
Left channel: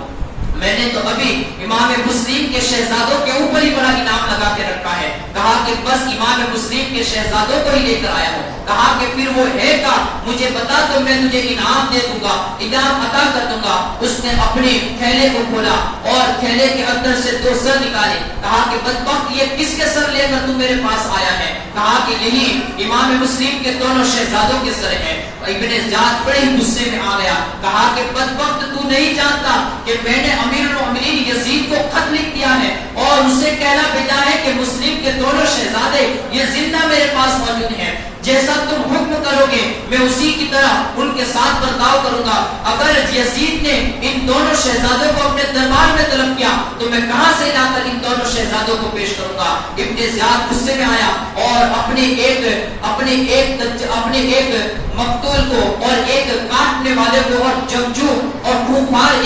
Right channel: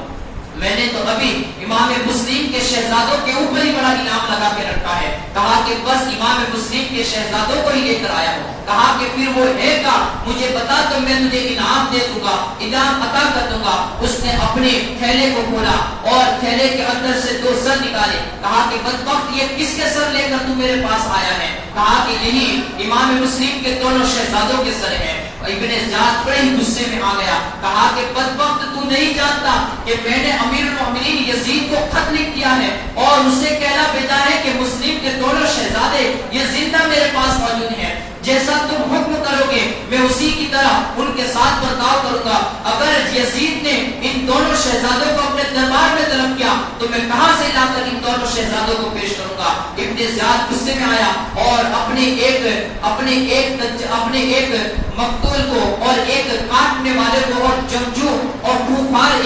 میں نے تو ابھی امام مسلم کے شہزادوں کے اوپر ہی بڑا انعام لگا کے رکھا ہے۔ کہا کہ بس امام مسلم کے شہزادوں کو ہی لے کر آیا ہوں۔ کہا کہ پھر وہ ہے کا مجھے بتا تو میں تجھے انعام دے دوں گا، انعام عطا کر دوں گا۔ اس نے اپنے تھیلے کو کھولا اور تھیلے کے اندر سے 2 سر نکالے۔ کہا کہ بدبخت یہ کس کے سر لے کر تو میرے پاس آیا ہے؟ کہا کہ یہی امام مسلم کے دونوں شہزادوں کے سر ہیں۔ ابن زیاد بڑے غصے میں آ گیا، کہا کہ بدبخت تو نہیں جانتا کہ میں نے امیر المومنین یزید کو خط لکھ دیا ہے اور اور اسے کہنا بھیجا ہے کہ مسلم کے دونوں شہزادے یہ زندہ میرے پاس موجود ہیں، جیسا تم حکم کرو گے میں اسی کی طرح ان کے ساتھ برتاؤ کروں گا۔ اگر یزید نے ان دونوں شہزادوں کو اپنے دربار میں طلب کیا تو میں کہاں سے لا کر ان دونوں شہزادوں کو پیش کروں گا؟ ابن زیاد غصے میں آیا اور اپنے ایک مقتول کو اور ایک کاٹنے والے کو اور جنگجو اور خوفار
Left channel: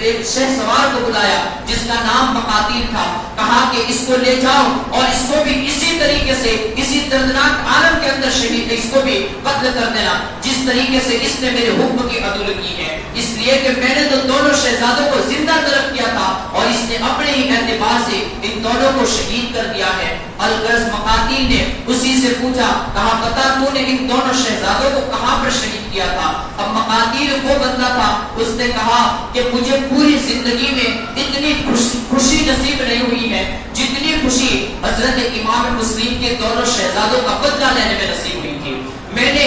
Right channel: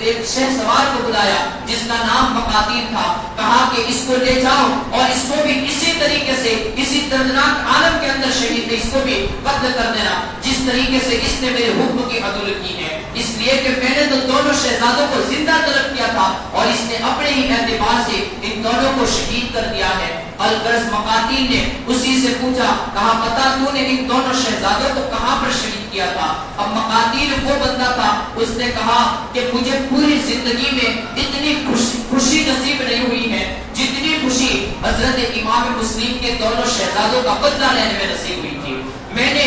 ایک شہ سوار کو بلایا جس کا نام مقاتیل تھا۔ کہا کہ اس کو لے جاؤ اور اس کو بھی اسی طریقے سے اسی دردناک عالم کے اندر شہید اس کو بھی قتل کر دینا جس طریقے سے اس نے میرے حکم کی عدول کی ہے، اس لیے کہ میں نے تو دونوں شہزادوں کو زندہ طلب کیا تھا اور اس نے اپنے ہی اعتبار سے ان دونوں کو شہید کر دیا ہے۔ الغرض مقاتیل نے اسی سے پوچھا، کہا بتا تو نے ان دونوں شہزادوں کو کہاں پر شہید کیا تھا؟ اب مقاتیل وہ بندہ تھا، اس نے کہا کہ مجھے پوری زندگی میں اتنی خوشی نصیب نہیں ہوئی ہے جتنی خوشی حضرت امام مسلم کے دونوں شہزادوں کا بدلہ لینے میں نصیب ہوئی تھی۔ میں نے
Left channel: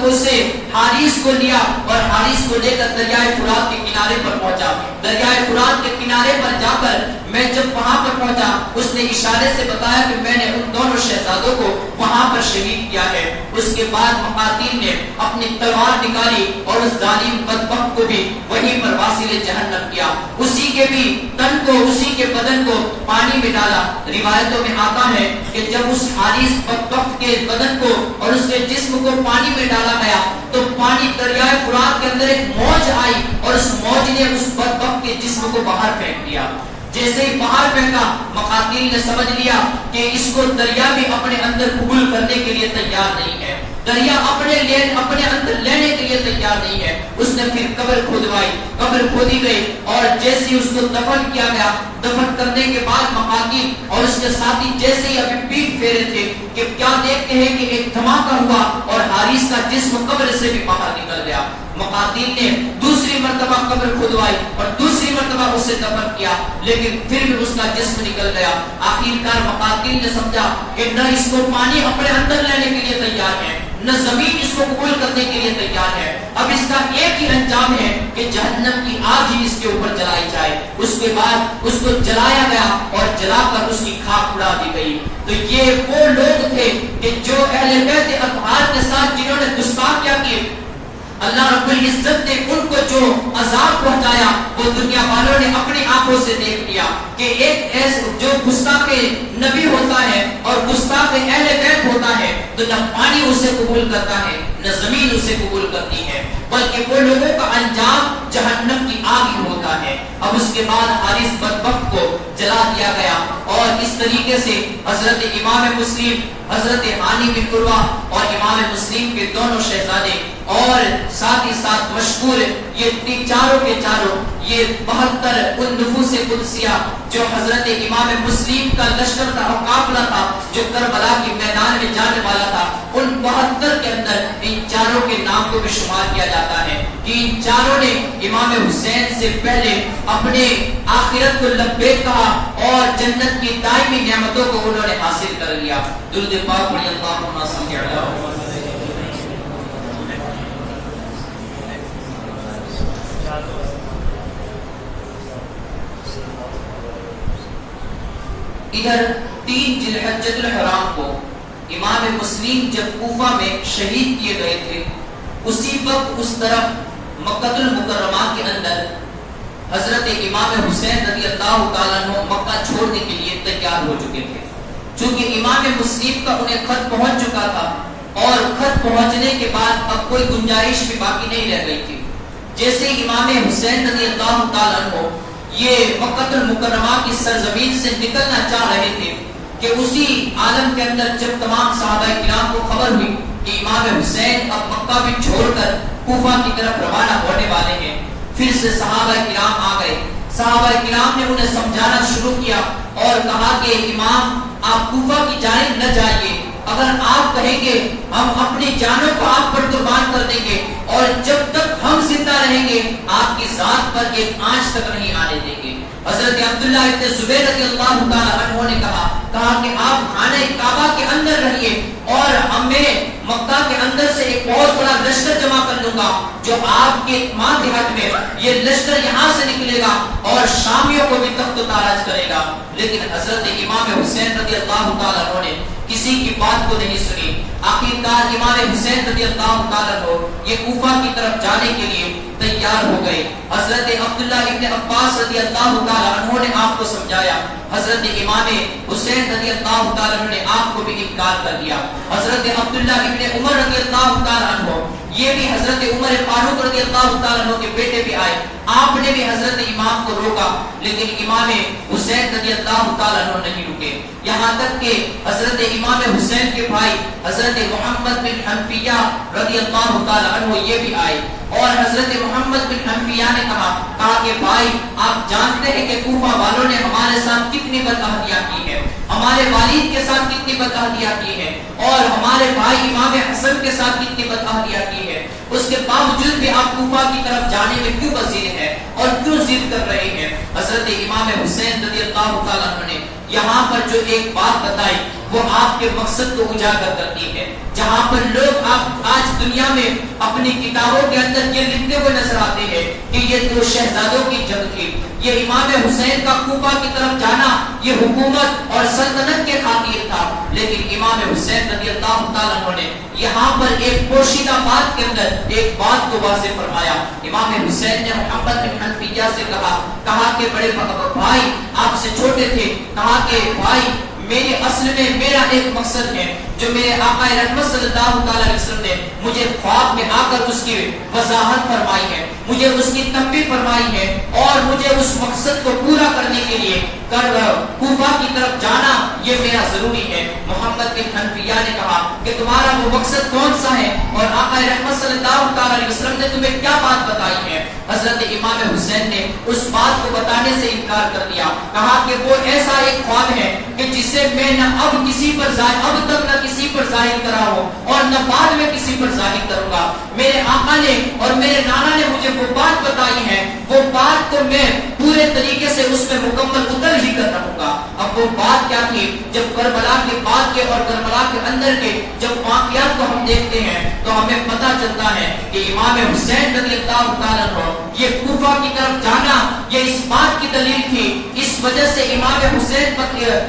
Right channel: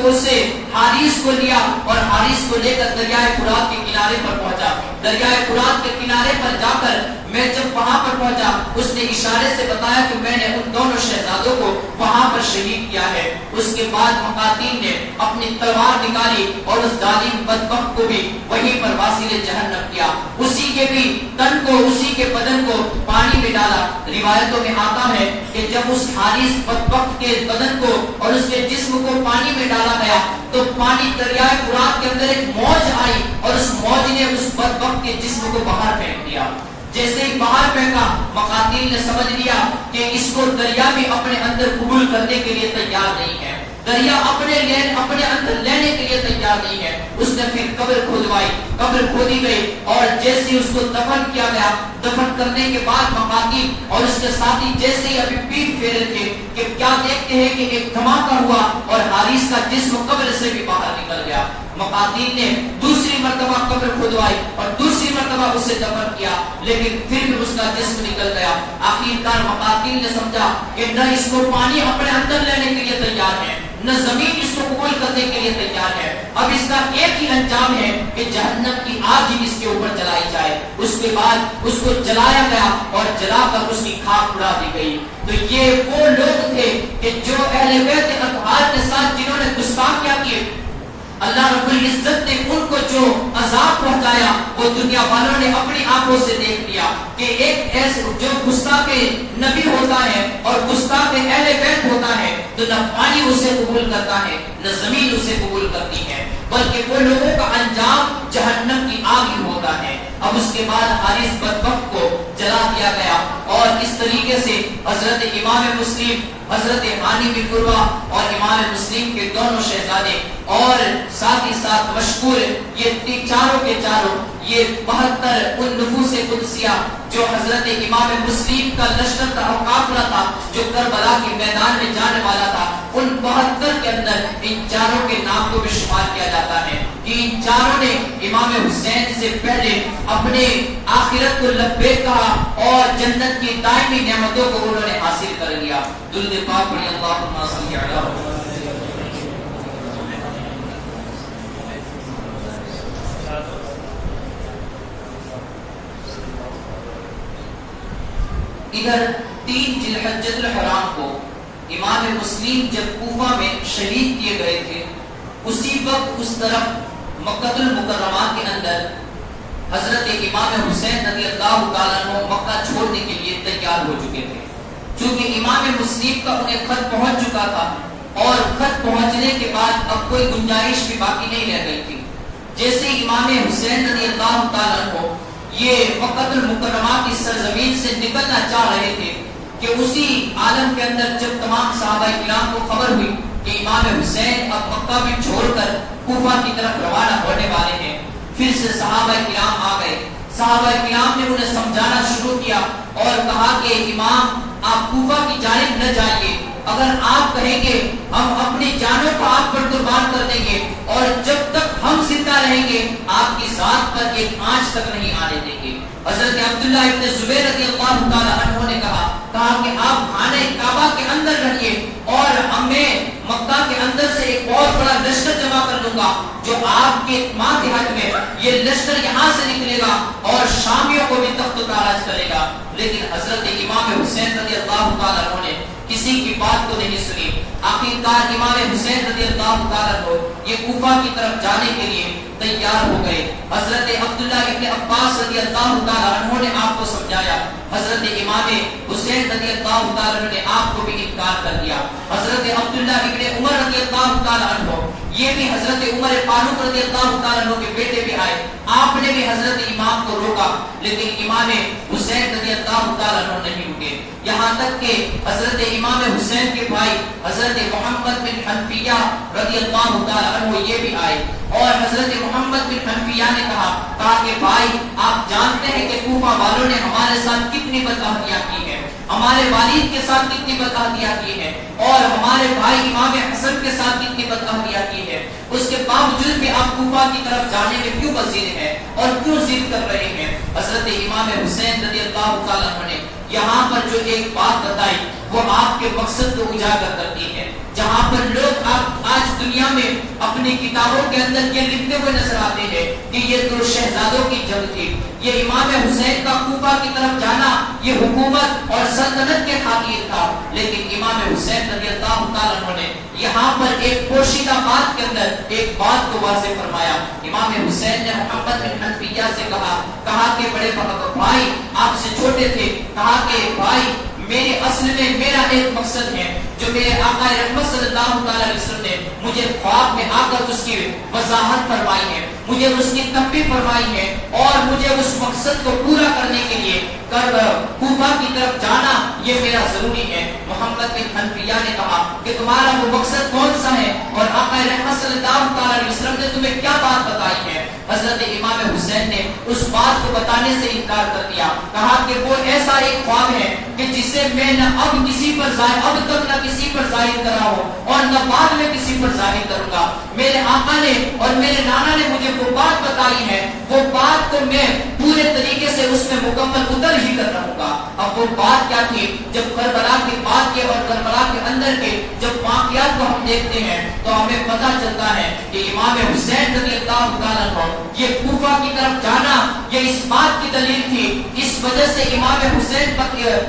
اسے حارث کو لیا اور حارث کو لے کر دریائے فرات کے کنارے پر پہنچا۔ دریائے فرات کے کنارے پر جا کر میں جب وہاں پر پہنچا اس نے اشارے سے بتایا کہ میں نے ان دونوں شہزادوں کو وہاں پر شہید کیا ہے۔ اس کے بعد مقاتیل نے اپنی تلوار نکالی اور اس ظالم بدبخت کو بھی وہیں پر واصل جہنم کیا، اسی کے بھی تن کو اسی کے بدن کو پانی میں ڈالا۔ روایتوں میں آتا ہے کہ جب اس حارث بدبخت کے بدن کو اور اس کے جسم کو پانی میں ڈالا گیا تو پانی دریائے فرات کے اندر ایک موج آئی اور اس موج نے اس بدبخت کے جسم کو باہر پھینک دیا۔ جیسے ہی باہر پھینکا مقاتیل نے سمجھ لیا کہ اس کو دریا بھی اپنے اندر قبول کرنے کے لیے تیار نہیں ہے، دریا اپنے اندر لینے کے لیے تیار نہیں ہے۔ اس نے پھر قبر کھودوائی، قبر کھودی گئی اور جیسے اس کو دفن کیا گیا، دفن کرنے کے بعد مقاتیل اور اس کے ساتھی جیسے ہی ابھی پیٹ پھیرے تھے کہ کیا دیکھتے ہیں کہ ایک دھماکہ ہوا اور حارث کا جسم قبر سے بھی باہر نکل گیا۔ مقاتیل نے دوسری مرتبہ قبر کھودوائی اور دوسری مرتبہ اسے دفن کیا لیکن پھر بھی اس کا جسم نکل گیا۔ آخرکار مقاتیل نے سمجھا کہ نہ اس کو پانی اپنے اندر لینے کے لیے تیار ہے نہ زمین اس کو قبول کرنے کے لیے تیار ہے، اب اس کا ایک ہی انجام ہے کہ جہنم کی آگ ہی اس کے اوپر جلائی جائے۔ اس کے بعد اس کو جلایا گیا اور جلا کر اس کی خاک اڑا دی گئی۔ تو یہ وہ لوگ تھے کہ جو اہل بیت اطہار کے ساتھ جنہوں نے گستاخیاں کی، اللہ رب العزت نے ان کو جو عذاب پہنچایا وہ دنیا والوں نے اپنی آنکھوں سے دیکھ لیا کہ ایک ایسے جو گستاخ نبی ہوتا ہے اور گستاخ اہل بیت ہوتا ہے تو نہ پانی اسے قبول کرتا ہے نہ زمین اسے قبول کرتی ہے، بلکہ وہ لوگوں کا انجام جہنم کی آگ ہی ہوتا ہے۔ اب اس کے بعد حارث بدبخت کو جلا دیا گیا اور اس طریقے سے حضرت امام مسلم، حضرت ہانی بن عروہ اور امام مسلم کے دونوں شہزادے اور ساتھ ہی ساتھ مشہور یہ چاروں کے چاروں یہ 72 ان نفوس قدسیہ جو حضرت امام مسلم کا لشکر کا قافلہ تھا جو کربلا کے میدان میں جانے والا تھا، ان 72 کے اندر ان چاروں کے نام کو بھی شمار کیا جاتا ہے کہ ان چاروں نے امام حسین سے پہلے اپنے آخرت کو لبیک کہا اور جنت کی دائمی نعمتوں کو انہوں نے حاصل کر لیا۔ درود پاک پڑھیں اللہم صلی علی ادھر 3 ذوالحجۃ الحرام کو امام مسلم جب کوفہ میں شہید کیے گئے تھے، اسی وقت اس طرف مکہ المکرمہ کے اندر حضرت امام حسین رضی اللہ تعالیٰ عنہ مکہ چھوڑنے کے لیے تیار ہو چکے تھے۔ چونکہ امام مسلم کا انہیں خط پہنچ چکا تھا اور خط پہنچنے کے بعد اب کوئی گنجائش بھی باقی نہیں رہ گئی تھی۔ جیسے امام حسین رضی اللہ تعالیٰ عنہ یہ مکہ المکرمہ کی سرزمین سے نکلنا چاہ رہے تھے کہ اسی عالم کے اندر جب تمام صحابہ کرام کو خبر ہوئی کہ امام حسین اب مکہ بھی چھوڑ کر کوفہ کی طرف روانہ ہونے والے ہیں، پھر سے صحابہ کرام آ گئے۔ صحابہ کرام نے انہیں سمجھانا شروع کیا اور کہا کہ امام آپ کوفہ کی جانب نہ جائیے، اگر آپ کہیں گے ہم اپنی جانوں کو آپ پر قربان کر دیں گے اور جب تک ہم زندہ رہیں گے آپ کی ذات پر ایک آنچ تک نہیں آنے دیں گے۔ حضرت عبداللہ ابن زبیر رضی اللہ تعالیٰ عنہ نے کہا کہا کہ آپ خانہ کعبہ کے اندر رہیے اور ہمیں مکہ کے اندر سے ایک بہت بڑا لشکر جمع کر لوں گا جو آپ کے ماتحت میں یہ لشکر یہاں سے نکلے گا اور شامیوں کو بھی تخت و تاراج کرے گا. لیکن حضرت امام حسین رضی اللہ تعالیٰ عنہ نے کسی کی بات کو نہیں سنی. آخرکار امام حسین رضی اللہ تعالیٰ عنہ یہ کوفہ کی طرف جانے کے لیے تیار ہو گئے. حضرت عبداللہ ابن عباس رضی اللہ تعالیٰ عنہ نے آپ کو سمجھایا. حضرت امام حسین رضی اللہ تعالیٰ عنہ نے آپ کو بھی انکار کر دیا. حضرت عبداللہ ابن عمر رضی اللہ تعالیٰ عنہ یہ بھی حضرت عمر فاروق رضی اللہ تعالیٰ عنہ کے بیٹے بھی آئے. آپ نے بھی حضرت امام کو روکا لیکن امام حسین رضی اللہ تعالیٰ عنہ نہیں رکے. یہاں تک کہ حضرت امام حسین کے بھائی حضرت محمد بن حنفیہ رضی اللہ تعالیٰ عنہ یہ بھی آئے اور حضرت محمد بن حنفیہ نے کہا کہ بھائی آپ جانتے ہیں کہ کوفہ والوں نے ہمارے ساتھ کتنی بدعہدیاں کی ہیں, ہمارے والد کے ساتھ کتنی بدعہدیاں کی ہیں اور ہمارے بھائی امام حسن کے ساتھ کتنی بدعہدیاں کی ہیں. اس کے باوجود بھی آپ کوفہ کی طرف جانے میں کیوں وزیر ہیں اور کیوں ضد کر رہے ہیں. حضرت امام حسین رضی اللہ تعالیٰ عنہ نے یہاں پر جو ایک بات بتائی وہ آپ کے مقصد کو اجاگر کرتی ہے. جہاں پر لوگ آپ آج دنیا میں اپنی کتابوں کے اندر یہ لکھتے ہوئے نظر آتے ہیں کہ یہ دو شہزادوں کی جنگ تھی, یہ امام حسین کا کوفہ کی طرف جانا یہ حکومت اور سلطنت کے خاطر تھا. لیکن امام حسین رضی اللہ تعالیٰ عنہ نے یہاں پر ایک پوشیدہ بات کے اندر ایک بات کو واضح فرمایا. امام حسین نے محمد بن حنفیہ سے کہا کہ بڑے بھائی آپ سے چھوٹے تھے, کہا کہ بھائی میرے اصل میں میرا ایک مقصد ہے جو میرے آقا رحمت صلی اللہ علیہ وسلم نے مجھے خواب میں آ کر اس کی وضاحت فرمائی ہے, مجھے اس کی تنبیہ فرمائی ہے اور مجھے اس مقصد کو پورا کرنے کے لیے کوفہ کی طرف جانا یہ میرا ضروری ہے. محمد بن حنفیہ نے کہا کہ تمہارا وہ مقصد کون سا ہے اور آقا رحمت صلی اللہ علیہ وسلم نے تمہیں کیا بات بتائی ہے. حضرت امام حسین نے اس بات کو بتانے سے انکار کر دیا. کہا کہ وہ ایسا ایک خواب ہے کہ جسے میں نہ اب تک نہ کسی پر ظاہر کرا ہوں اور نہ بعد میں کسی پر ظاہر کروں گا. میرے آقا نے اور میرے نانا نے مجھے وہ بات بتائی ہے, وہ بات کو میں پورے طریقے سے اس میں مکمل اتر ہی کر رہوں گا. اب وہ بات کیا تھی؟ جب کربلا کے بعد کے اور کربلا کے اندر کے جب واقعات کو ہم دیکھتے ہیں تو ہمیں پتہ چلتا ہے کہ امام حسین رضی اللہ تعالیٰ عنہ یہ کوفہ کی طرف جانا یہ اس بات کی دلیل تھی, اس وجہ سے امام حسین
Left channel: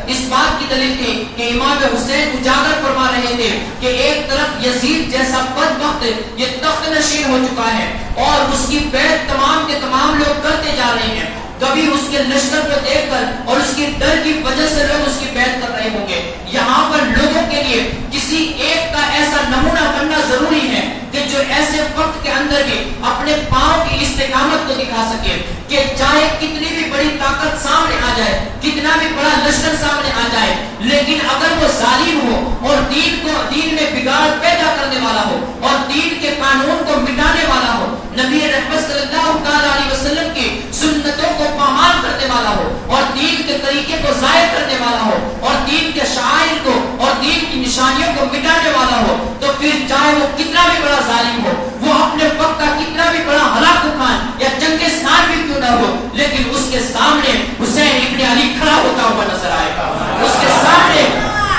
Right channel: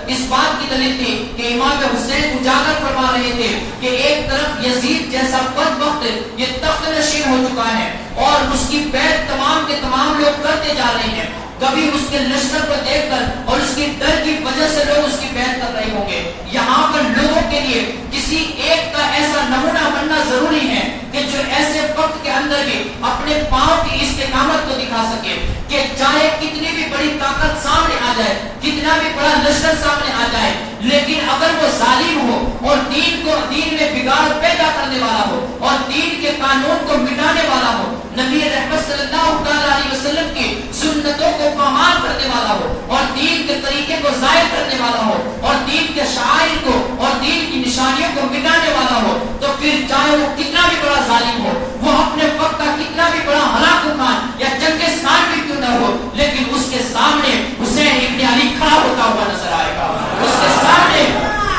اس بات کی دلیل تھی کہ امام حسین اجاگر فرما رہے تھے کہ ایک طرف یزید جیسا بدبخت یہ تخت نشین ہو چکا ہے اور اس کی بیعت تمام کے تمام لوگ کرتے جا رہے ہیں. کبھی اس کے لشکر کو دیکھ کر اور اس کی ڈر کی وجہ سے لوگ اس کی بیعت کر رہے ہوں گے. یہاں پر لوگوں کے لیے کسی ایک کا ایسا نمونہ بننا ضروری ہے کہ جو ایسے وقت کے اندر بھی اپنے پاؤں کی استقامت کو دکھا سکے کہ چاہے کتنی بھی بڑی طاقت سامنے آ جائے, کتنا بھی بڑا لشکر سامنے آ جائے, لیکن اگر وہ ظالم ہو اور دین میں بگاڑ پیدا کرنے والا ہو اور دین کے قانون کو مٹانے والا ہو, نبی رحمت صلی اللہ علیہ وسلم کی سنتوں کو پامال کرنے والا ہو اور دین کے طریقے کو ظاہر کرنے والا ہو اور دین کے شعائر کو اور دین کی نشانیوں کو مٹانے والا ہو, تو پھر چاہے وہ کتنا بھی بڑا ظالم ہو, وہ اپنے وقت کا کتنا بھی بڑا ہلاکو خان یا چنگیز خان بھی کیوں نہ ہو, لیکن اس کے سامنے حسین ابن علی کھڑا ہوتا ہوا نظر آئے گا. اس کے سامنے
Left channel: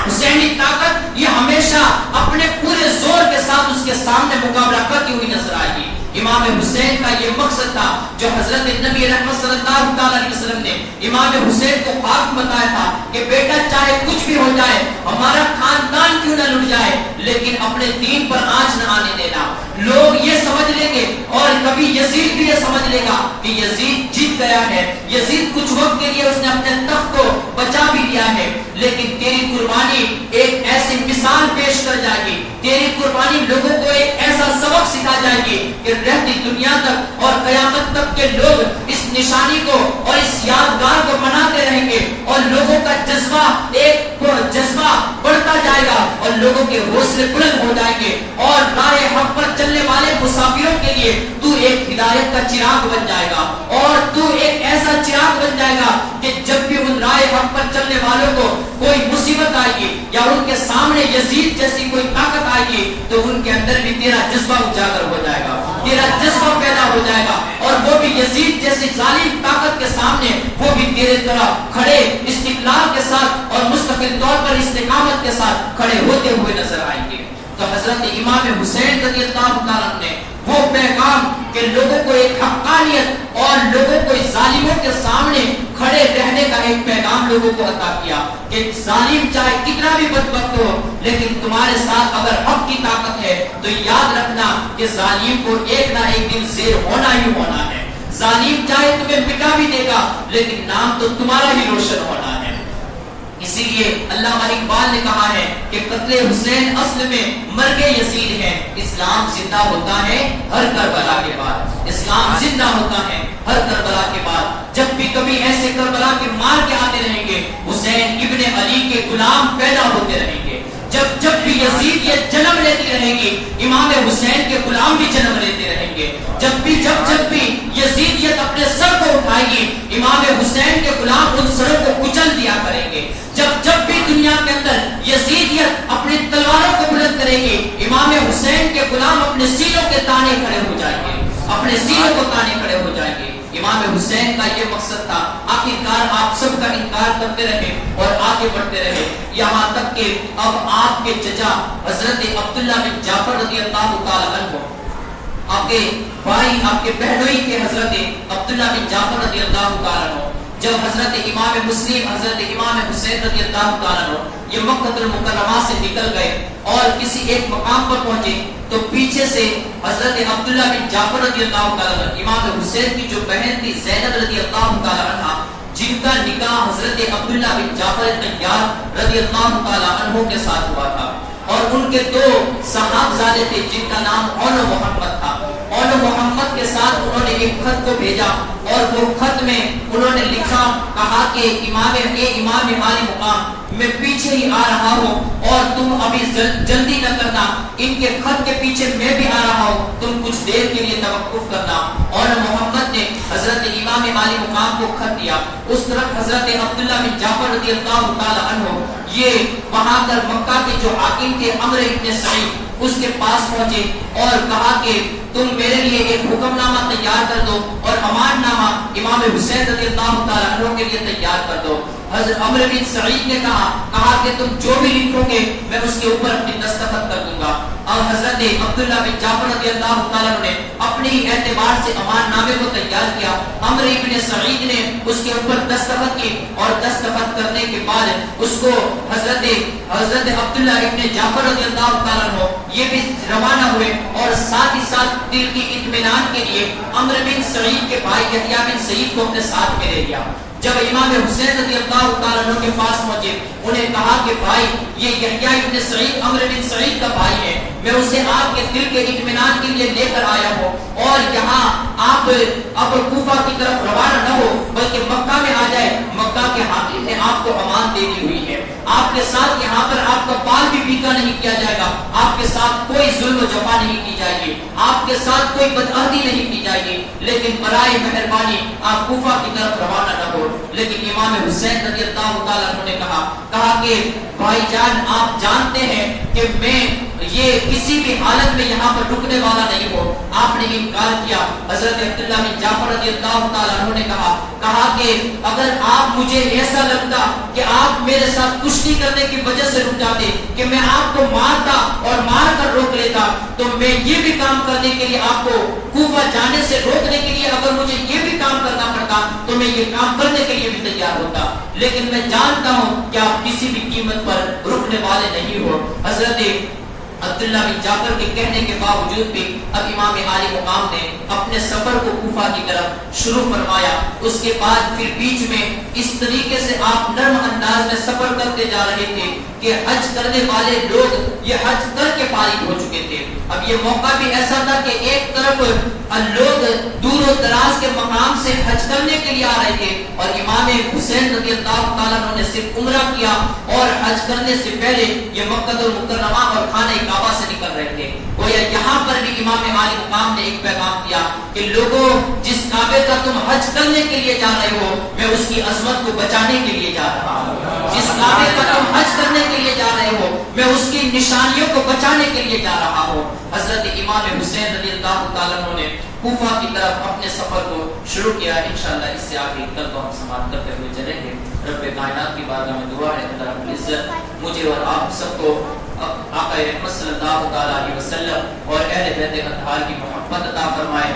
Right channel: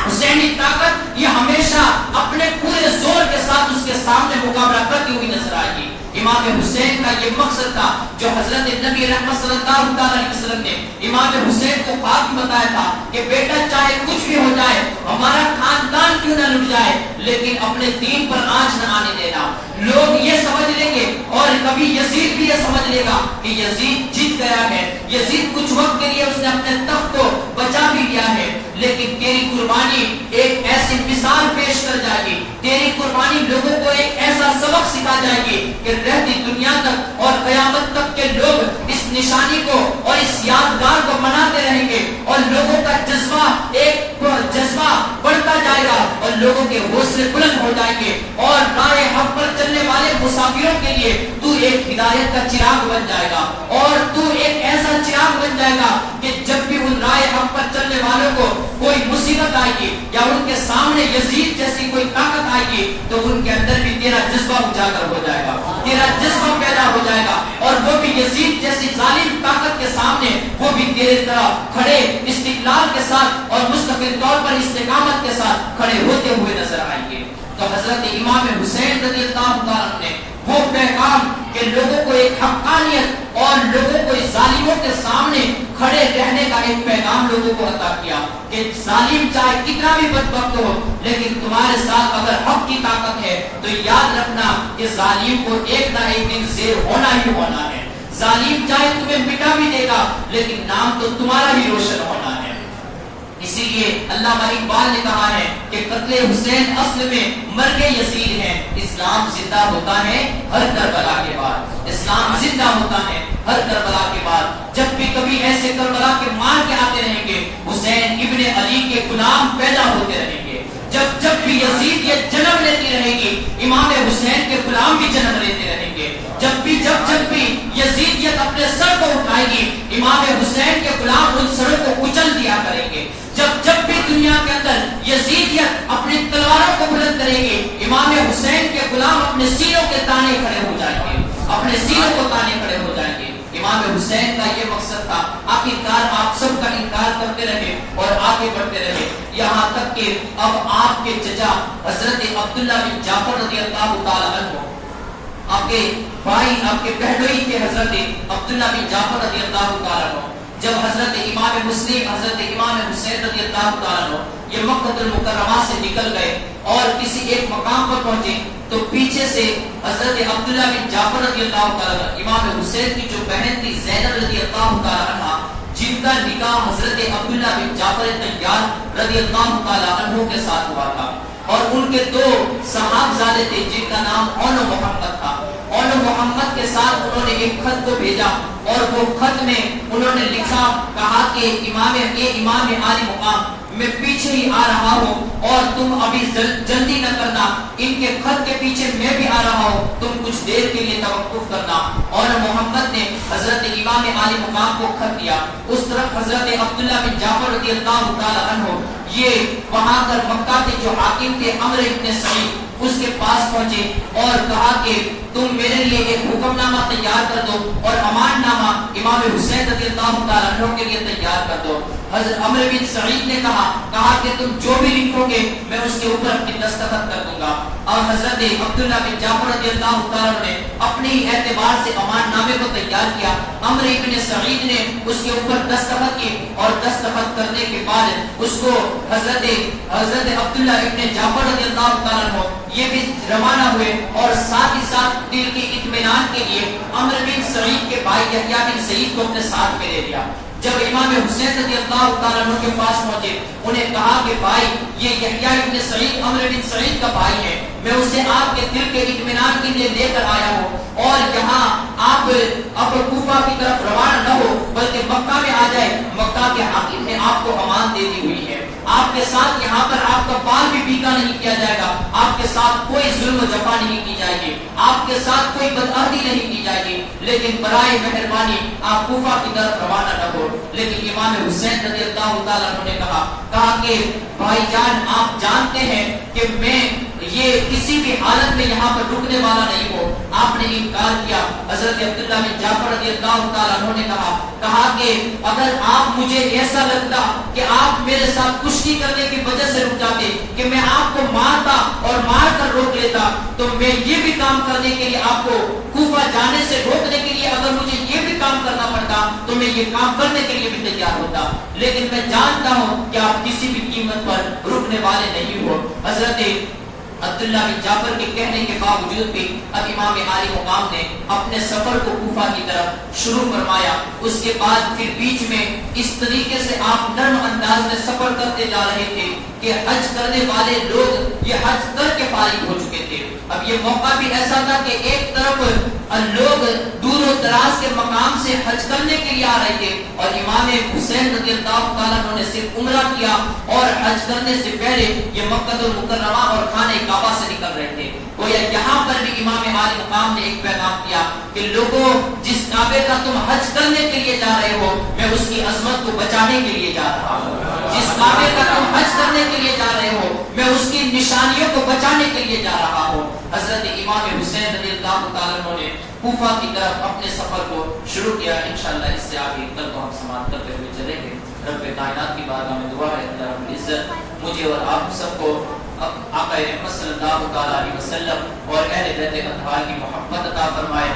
حسینی طاقت یہ ہمیشہ اپنے پورے زور کے ساتھ اس کے سامنے مقابلہ کرتی ہوئی نظر آئے گی. امام حسین کا یہ مقصد تھا جو حضرت نبی رحمت صلی اللہ علیہ وسلم نے امام حسین کو خواب بتایا تھا کہ بیٹا چاہے کچھ بھی ہو جائے, ہمارا خاندان کیوں نہ لٹ جائے, لیکن اپنے دین پر آنچ نہ آنے دینا. لوگ یہ سمجھ لیں گے اور کبھی یزید بھی یہ سمجھ لے گا کہ یزید جیت گیا ہے, یزید کچھ وقت کے لیے اس نے اپنے تخت کو بچا بھی لیا ہے, لیکن تیری قربانی ایک ایسی مثال پیش کر جائے گی, تیری قربانی لوگوں کو ایک ایسا سبق سکھا جائے گی کہ رہتی دنیا تک اور قیامت تک کے لوگ اس نشانی کو اور اس یادگار کو مناتے رہیں گے اور لوگوں کا جذبہ بڑھتا جائے گا اور لوگوں کے حوصلے بلند ہو جائیں گے اور راہ حق پر چلنے والے مسافروں کے لیے تو ایک ہدایت کا چراغ بن جائے گا اور تو ایک ایسا چراغ بن جائے گا کہ جب بھی ان راہ حق پر چلنے والوں کو کوئی مصیبت آئے گی یا ان کے سامنے یزید جیسی کوئی طاقت آئے گی تو ان کے اندر بھی تیرا جذبہ اجاگر ہو جائے گا. تیرا جذبہ پیدا ہو جائے گا، اور وہ بھی یزید جیسی ظالم طاقت کے سامنے وہ بھی تیرے طرح کھڑے استقلال کے ساتھ اور مستقل طور پر استقامت کے ساتھ کھڑے ہوتے ہوئے نظر آئیں گے۔ تو حضرت امام حسین رضی اللہ تعالیٰ نے وہ پیغام کہ لوگوں کو ایک حقانیت اور لوگوں کو ظالموں کے سامنے کھڑے رہنے کا ایک پیغام لوگوں کو عطا کیا کہ ظالم چاہے کتنا بھی بدبخت ہو لیکن تمہارے ساتھ اگر حق کی طاقت ہے تو یاد رکھنا کہ ظالم کو ایک نہ ایک دن زیر ہونا ہی ہونا ہے۔ ظالم چاہے تمہیں مٹا بھی دے گا لیکن نام تو تمہارا ہی روشن ہونا ہے۔ اسی لیے علامہ اقبال نے کہا ہے کہ قتل حسین اصل میں مرگ یزید ہے، اسلام زندہ ہوتا ہے ہر کربلا کے بعد، اسلام زندہ ہوتا ہے ہر کربلا کے بعد۔ جب بھی کبھی ایسے کربلا کے مار کے آتے رہیں گے، حسین ابن علی کے غلام پیدا ہوتے رہیں گے۔ جب بھی یزیدیت جنم لیتی رہے گی، امام حسین کے غلام بھی جنم لیتے رہیں گے۔ جب بھی یزیدیت اپنے سر کو اٹھائے گی، امام حسین کے غلام ان سروں کو کچل دیا کریں گے۔ جب بھی دنیا کے اندر یزیدیت اپنی تلواروں کو بلند کرے گی، امام حسین کے غلام اپنے سینوں کے تانے کھڑے ہو جائیں گے، اپنے سینوں کو تانے کھڑے ہو جائیں گے۔ امام حسین کا یہ مقصد تھا، آخرکار آپ سب کا انکار کرتے رہے اور آگے بڑھتے رہے، یہاں تک کہ اب آپ کے چچا حضرت عبداللہ بن جعفر رضی اللہ تعالی عنہ، آپ کے بھائی، آپ کے بہنوئی کے حضرت عبداللہ بن جعفر رضی اللہ تعالی عنہ، جب حضرت امام مسلم حضرت امام حسین رضی اللہ تعالی عنہ یہ مکہ المکرمہ سے نکل گئے اور کسی ایک مقام پر پہنچے تو پیچھے سے حضرت عبداللہ بن جعفر رضی اللہ تعالی عنہ، امام حسین کی جو بہن تھی زینب رضی اللہ تعالی عنہ، جن کا نکاح حضرت عبداللہ بن جعفر طیار رضی اللہ تعالی عنہ کے ساتھ ہوا تھا، اور ان کے دو صحابزادے تھے جن کا نام اون محمد تھا۔ اون محمد کے ساتھ انہوں نے ایک خط کو بھیجا اور وہ خط میں انہوں نے لکھا، کہا کہ امام عالی مقام، میں پیچھے ہی آ رہا ہوں اور تم ابھی جلدی نہ کرنا، ان کے خط کے پیچھے میں بھی آ رہا ہوں، تم کچھ دیر کے لیے توقف کرنا۔ اور محمد نے حضرت امام عالی مقام کو خط دیا، اس طرف حضرت عبداللہ بن جعفر رضی اللہ تعالی عنہ یہ وہاں کر مکہ کے جو حاکم تھے عمرو ابن سعید، اس کے پاس پہنچے اور کہا کہ تم میرے لیے ایک حکم نامہ تیار کر دو اور امان نامہ امام حسین رضی اللہ تعالی عنہ کے لیے تیار کر دو۔ حضرت عمرو بن سعید نے کہا کہ تم جو بھی لکھو گے میں اس کے اوپر اپنی دستخط کر دوں گا۔ اور حضرت عبداللہ بن جعفر رضی اللہ تعالیٰ عنہ نے اپنی اعتبار سے امان نامے کو تیار کیا، عمرو بن سعید نے اس کے اوپر دستخط کی اور دستخط کرنے کے بعد اس کو حضرت عبداللہ بن جعفر رضی اللہ تعالیٰ عنہ یہ بھی روانہ ہوئے اور ساتھ ہی ساتھ دل کی اطمینان کے لیے عمرو بن سعید کے بھائی یحییٰ بن سعید کو اپنے ساتھ میں لے لیا۔ جب امام حسین رضی اللہ تعالیٰ عنہ کے پاس پہنچے، انہیں کہا کہ بھائی یہ یحییٰ ابن سعید عمرو بن سعید کا بھائی ہے، میں اسے آپ کے دل کے اطمینان کے لیے لے کر آیا ہوں، اور یہاں آپ اب کوفہ کی طرف روانہ نہ ہو بلکہ مکہ میں آ جائے، مکہ کے حاکم نے آپ کو امان دے دی ہوئی ہے، آپ کے ساتھ یہاں پر آپ کا بال بھی پیٹا نہیں کیا جائے گا، آپ کے ساتھ کوئی ظلم و جفا نہیں کی جائے گی، آپ کے ساتھ کوئی بدعہدی نہیں کی جائے گی، لیکن برائے مہربانی آپ کوفہ کی طرف روانہ نہ ہو۔ لیکن امام حسین رضی اللہ تعالیٰ عنہ نے کہا کہ بھائی جان آپ جانتے ہیں کہ میں یہ کسی بھی حالت میں یہاں پر رکنے والا نہیں ہوں۔ آپ نے انکار کیا۔ حضرت عبداللہ بن جعفر رضی اللہ تعالیٰ عنہ نے کہا کہ اگر آپ مجھے ایسا لگتا کہ آپ میرے ساتھ کشتی کرنے کی وجہ سے رک جاتے کہ میں آپ کو مارتا اور مار کر روک لیتا تو میں یہ بھی کام کرنے کے لیے آپ کو کوفہ جانے سے روکنے کے لیے اگر مجھے یہ بھی کام کرنا پڑتا تو میں یہ کام کرنے کے لیے بھی تیار ہوتا، لیکن میں جانتا ہوں کہ آپ کسی بھی قیمت پر رکنے والے نہیں ہو۔ حضرت عبداللہ بن جعفر کے کہنے کے باوجود بھی اب امام عالی مقام نے اپنے سفر کو کوفہ کی طرف شروع فرمایا۔ اس کے بعد پھر بیچ میں اس طریقے سے آپ نرم انداز میں سفر کرتے جا رہے تھے کہ حج کرنے والے لوگ یہ حج کر کے فارغ ہو چکے تھے۔ اب یہ موقع بھی ایسا تھا کہ ایک طرف لوگ دور و دراز کے مقام سے حج کرنے کے لیے آ رہے تھے اور امام حسین رضی اللہ تعالیٰ عنہ نے صرف عمرہ کیا اور حج کرنے سے پہلے یہ مکہ المکرمہ اور خانہ کعبہ سے نکل رہے تھے۔ گویا یہاں پر بھی امام عالی مقام نے ایک پیغام دیا کہ لوگوں جس کعبے کا تم حج کرنے کے لیے جا رہے ہو میں اس کی عظمت کو بچانے کے لیے جا رہا ہوں، جس کعبے کا تم حج کرنے مارنے کے لیے جا رہے ہو، میں اس کی نشانیوں کو بچانے کے لیے جا رہا ہوں۔ حضرت امام حسین رضی اللہ تعالیٰ عنہ نے کوفہ کی طرف اپنے سفر کو شروع کیا۔ انشاءاللہ اس سے آگے کل کو ہم سماعت کرتے ہوئے چلیں گے۔ رب کائنات کی بارگاہ میں دعا ہے اللہ رب العزت مجھے اور آپ سب کو آقا رحمت صلی اللہ تعالیٰ علیہ وسلم اور اہل بیت اطہار کی محبت عطا فرمائے۔